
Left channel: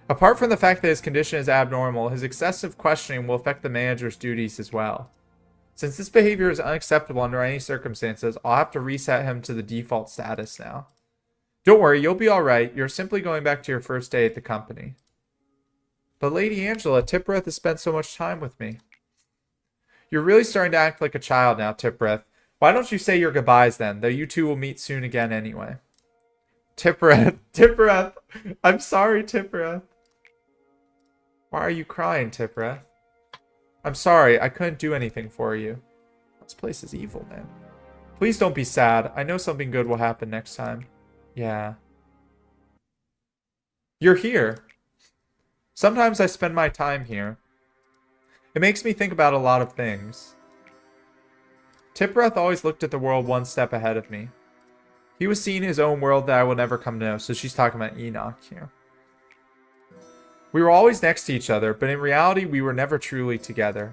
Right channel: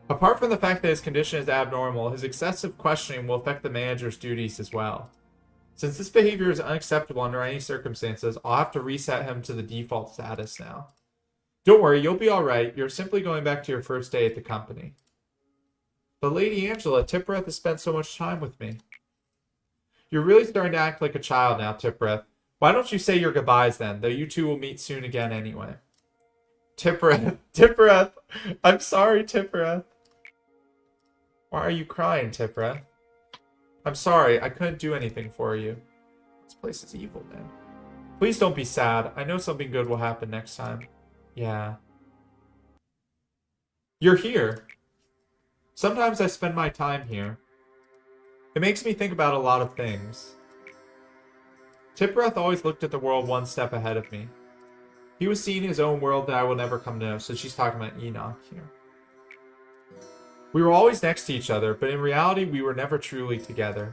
Apart from the fact that his condition is abnormal, his excessive questioning will affect the manager's duties as well. Since this behavior is unacceptable under any circumstances, I'll have to reset him to the default status now. Don't worry, you'll be alright. You're simply going back to your first day at the company. But Lady Angela, Tippereth has spent so much time with me. You're really starting to act like a child now, Tippereth. Why don't you say your goodbyes then, though you two will meet soon again anyway. Tippereth, I'm sorry, Tippereth. Why are you crying, Tippereth? I'm sorry, I couldn't do anything for you. This place is evil, man. Please don't be sad. I know something good will happen next time. Yeah. You're here. Sometimes I spend my time here. It makes me think about a lot of things. Tippereth always looked at the world one step ahead of me. He was seeing his own world that I will never come to know, so she's talking about Enoch here. We were always next to each other, but in reality, we were never truly together.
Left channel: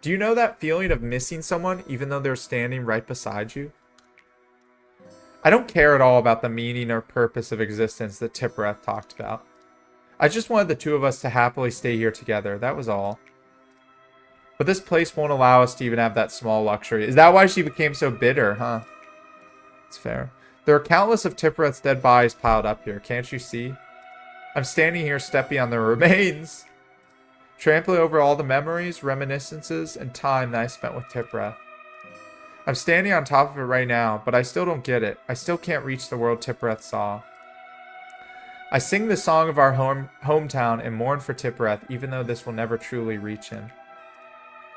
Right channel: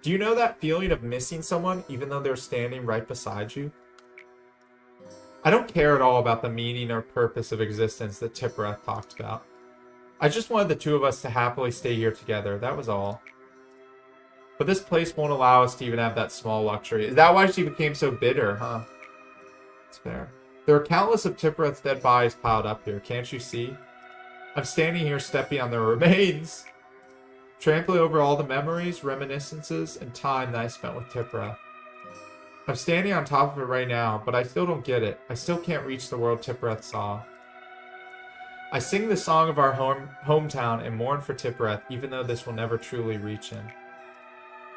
Do you know that feeling of missing someone, even though they're standing right beside you? I don't care at all about the meaning or purpose of existence that Tippereth talked about. I just wanted the two of us to happily stay here together, that was all. But this place won't allow us to even have that small luxury. Is that why she became so bitter, huh? It's fair. There are countless of Tippereth's dead bodies piled up here, can't you see? I'm standing here stepping on their remains, trampling over all the memories, reminiscences, and time that I spent with Tippereth. I'm standing on top of it right now, but I still don't get it. I still can't reach the world Tippereth saw. I sing the song of our hometown and mourn for Tippereth, even though this will never truly reach him.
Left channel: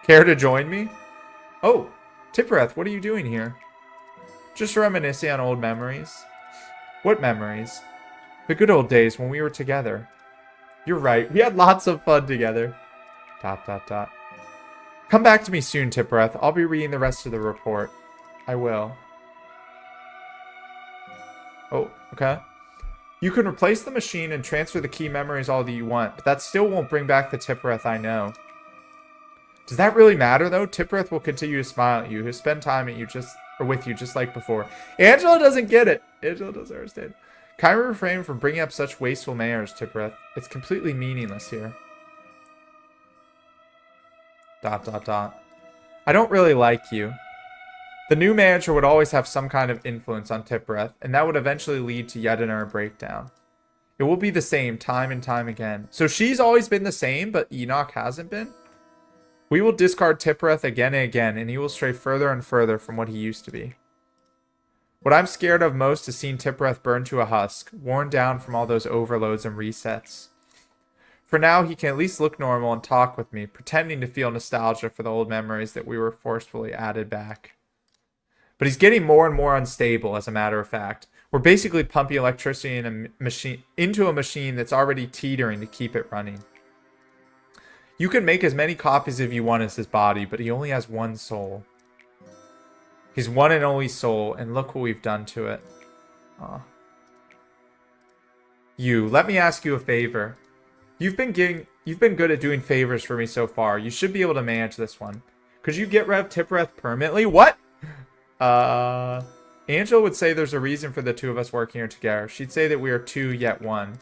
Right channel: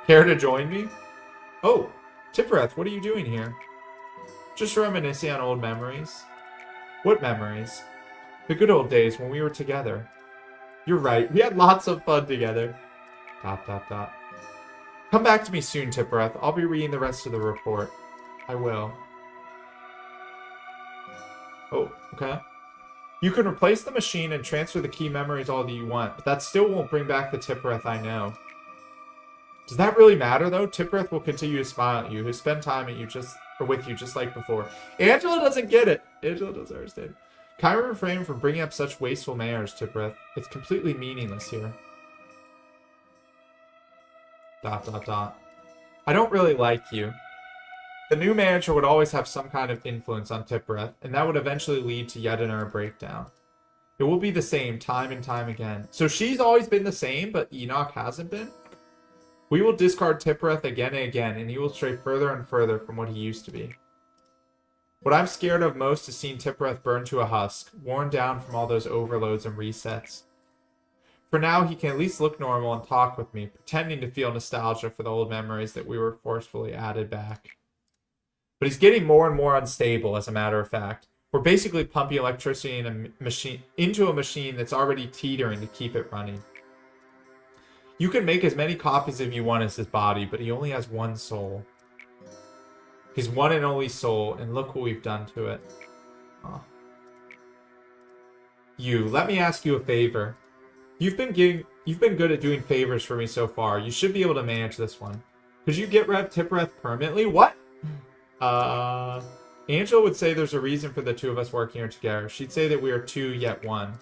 Care to join me? Oh, Tippereth, what are you doing here? Just reminiscing on old memories. What memories? The good old days when we were together. You're right, we had lots of fun together. ... Come back to me soon, Tippereth. I'll be reading the rest of the report. I will. Oh, okay. You can replace the machine and transfer the key memories all that you want, but that still won't bring back the Tippereth I know. Does that really matter, though? Tippereth will continue to smile at you, who spend time with you just like before. Angela doesn't get it. Angela doesn't understand. Kindly refrain from bringing up such wasteful manners, Tippereth. It's completely meaningless here. ... I don't really like you. The new manager would always have some kind of influence on Tippereth, and that would eventually lead to yet another breakdown. It will be the same time and time again. So she's always been the same, but Enoch hasn't been? We will discard Tippereth again and again, and he will stray further and further from what he used to be. What I'm scared of most is seeing Tippereth burn to a husk, worn down from all those overloads and resets. For now, he can at least look normal and talk with me, pretending to feel nostalgia for the old memories that we were forcefully added back. But he's getting more and more unstable, as a matter of fact. We're basically pumping electricity into a machine that's already teetering to keep it running. You can make as many copies as you want as his body, but he only has one soul. His one and only soul, and look what we've done to it. Aw. Let me ask you a favor. You've been good at doing favors for me so far. You should be able to manage this one. Could you get rid of Tippereth permanently? What? Angela would say there's a reason for the two of us working here together. She'd say that we are two yet one.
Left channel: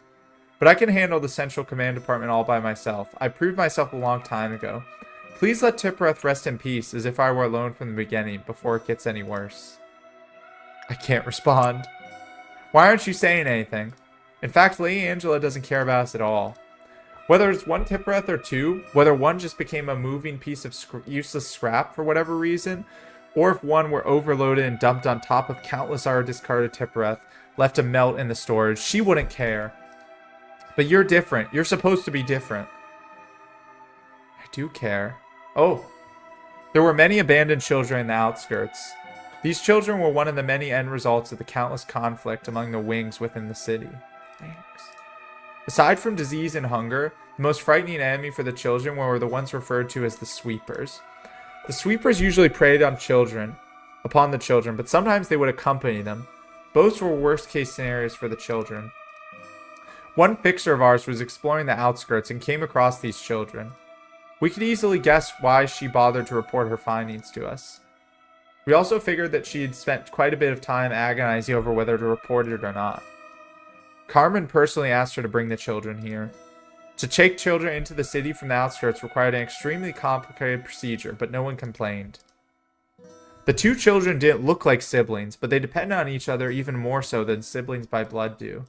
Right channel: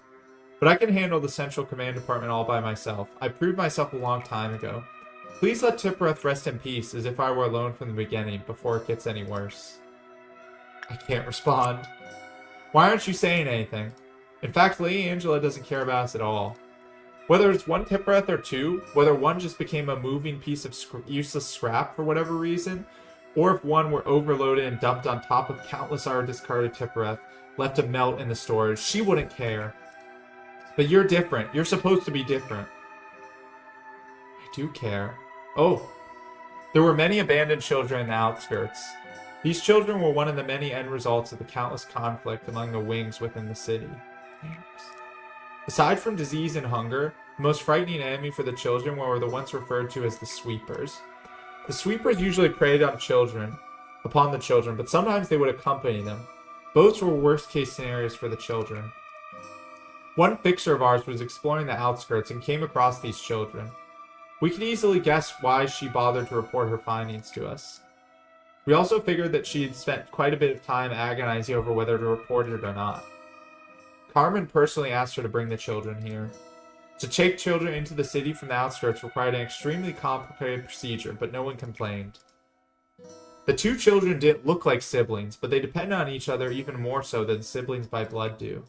But I can handle the Central Command Department all by myself. I proved myself a long time ago. Please let Tippereth rest in peace, as if I were alone from the beginning, before it gets any worse. I can't respond. Why aren't you saying anything? In fact, Lady Angela doesn't care about us at all. Whether it's one Tippereth or two, whether one just became a moving piece of useless scrap for whatever reason, or if one were overloaded and dumped on top of countless other discarded Tippereth, left to melt in the storage, she wouldn't care. But you're different. You're supposed to be different. I do care. Oh. There were many abandoned children in the outskirts. These children were one of the many end results of the countless conflict among the wings within the city. Thanks. Aside from disease and hunger, the most frightening enemy for the children were the ones referred to as the sweepers. The sweepers usually preyed on upon the children, but sometimes they would accompany them. Both were worst-case scenarios for the children. One fixer of ours was exploring the outskirts and came across these children. We could easily guess why she bothered to report her findings to us. We also figured that she had spent quite a bit of time agonizing over whether to report it or not. Carmen personally asked her to bring the children here. To take children into the city from the outskirts required an extremely complicated procedure, but no one complained. The two children didn't look like siblings, but they depended on each other even more so than siblings by blood do.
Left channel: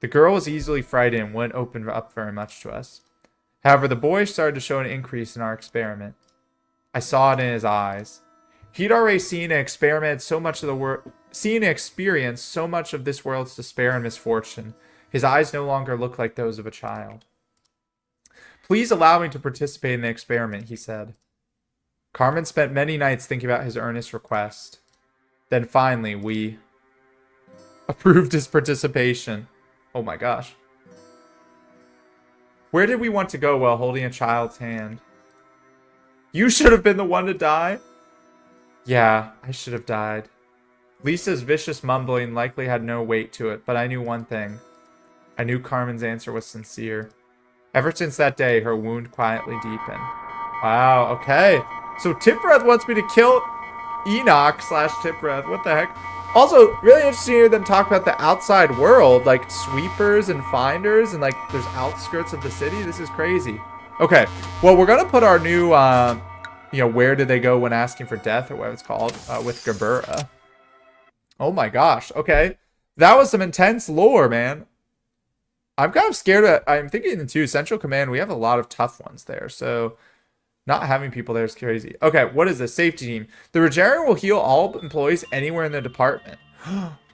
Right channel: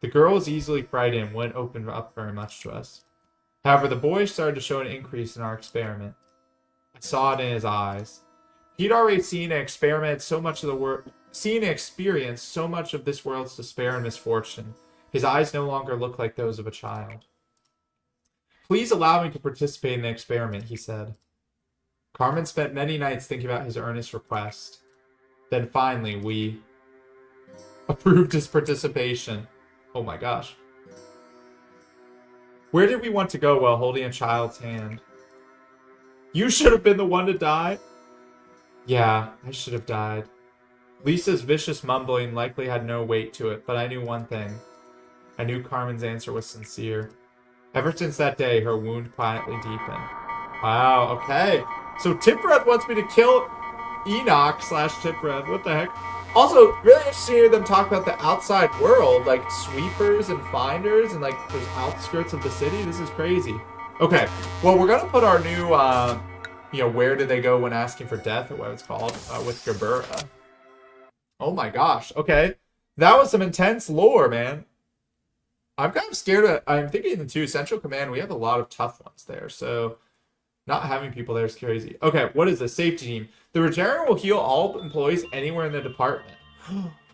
The girl was easily frightened and wouldn't open up very much to us. However, the boy started to show an increase in our experiment. I saw it in his eyes. He'd already seen and experienced so much of this world's despair and misfortune. His eyes no longer looked like those of a child. Please allow me to participate in the experiment, he said. Carmen spent many nights thinking about his earnest request. Then finally, we approved his participation. Oh my gosh. Where did we want to go while holding a child's hand? You should have been the one to die? Yeah, I should have died. Lisa's vicious mumbling likely had no weight to it, but I knew one thing. I knew Carmen's answer was sincere. Ever since that day, her wound quietly deepened. Wow, okay. So Tipred wants me to kill Enoch / Tipred. What the heck? Also, really interesting to hear them talk about the outside world, like sweepers and finders, and like there's outskirts of the city. This is crazy. Okay, well, we're gonna put our new, where did they go when asking for death, or what it's called, with Gerbera. Oh my gosh, okay. That was some intense lore, man. I'm kind of scared I'm thinking too, Central Command, we have a lot of tough ones there, so not having people there is crazy. Okay, what is this? Safety team. The Regenerator will heal all employees anywhere in the department.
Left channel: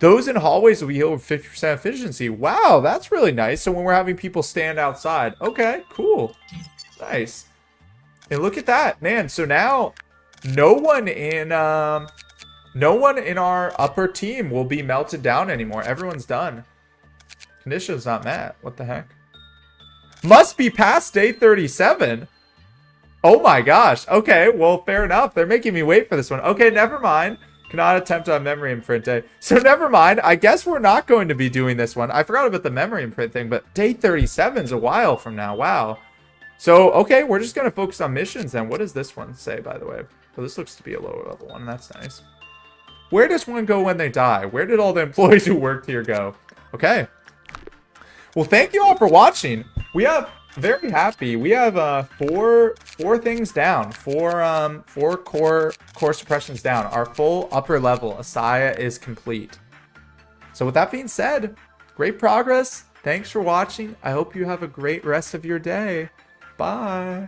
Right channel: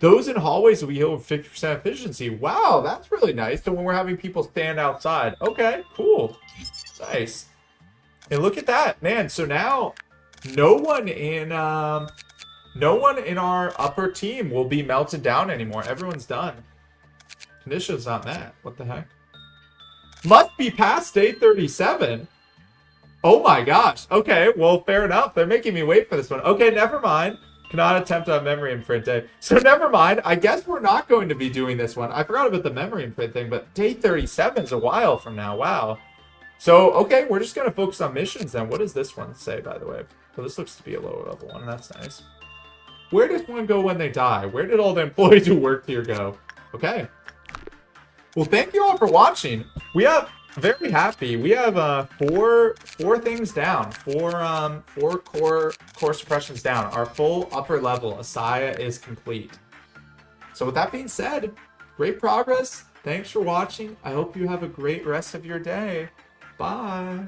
Those in hallways will be healed with 50% efficiency. Wow, that's really nice. So when we're having people stand outside. Okay, cool. Nice. And look at that, man. So now no one in our upper team will be melted down anymore. Everyone's done. Conditions not met. What the heck? Must be past day 37. Oh my gosh. Okay, well, fair enough. They're making me wait for this one. Okay, never mind. Cannot attempt on memory imprint day. So never mind. I guess we're not going to be doing this one. I forgot about the memory imprint thing, but day 37 is a while from now. Wow. So, okay, we're just going to focus on missions then. What does this one say, by the way? So this looks to be a lower level one. That's nice. Where does one go when they die? Where did all the employees who worked here go? Okay. Well, thank you all for watching. We have... Very happy. We have four things down. Four core suppressions down. Our full upper level Asaya is complete. So with that being said, great progress. Thanks for watching. I hope you have a great rest of your day. Bye.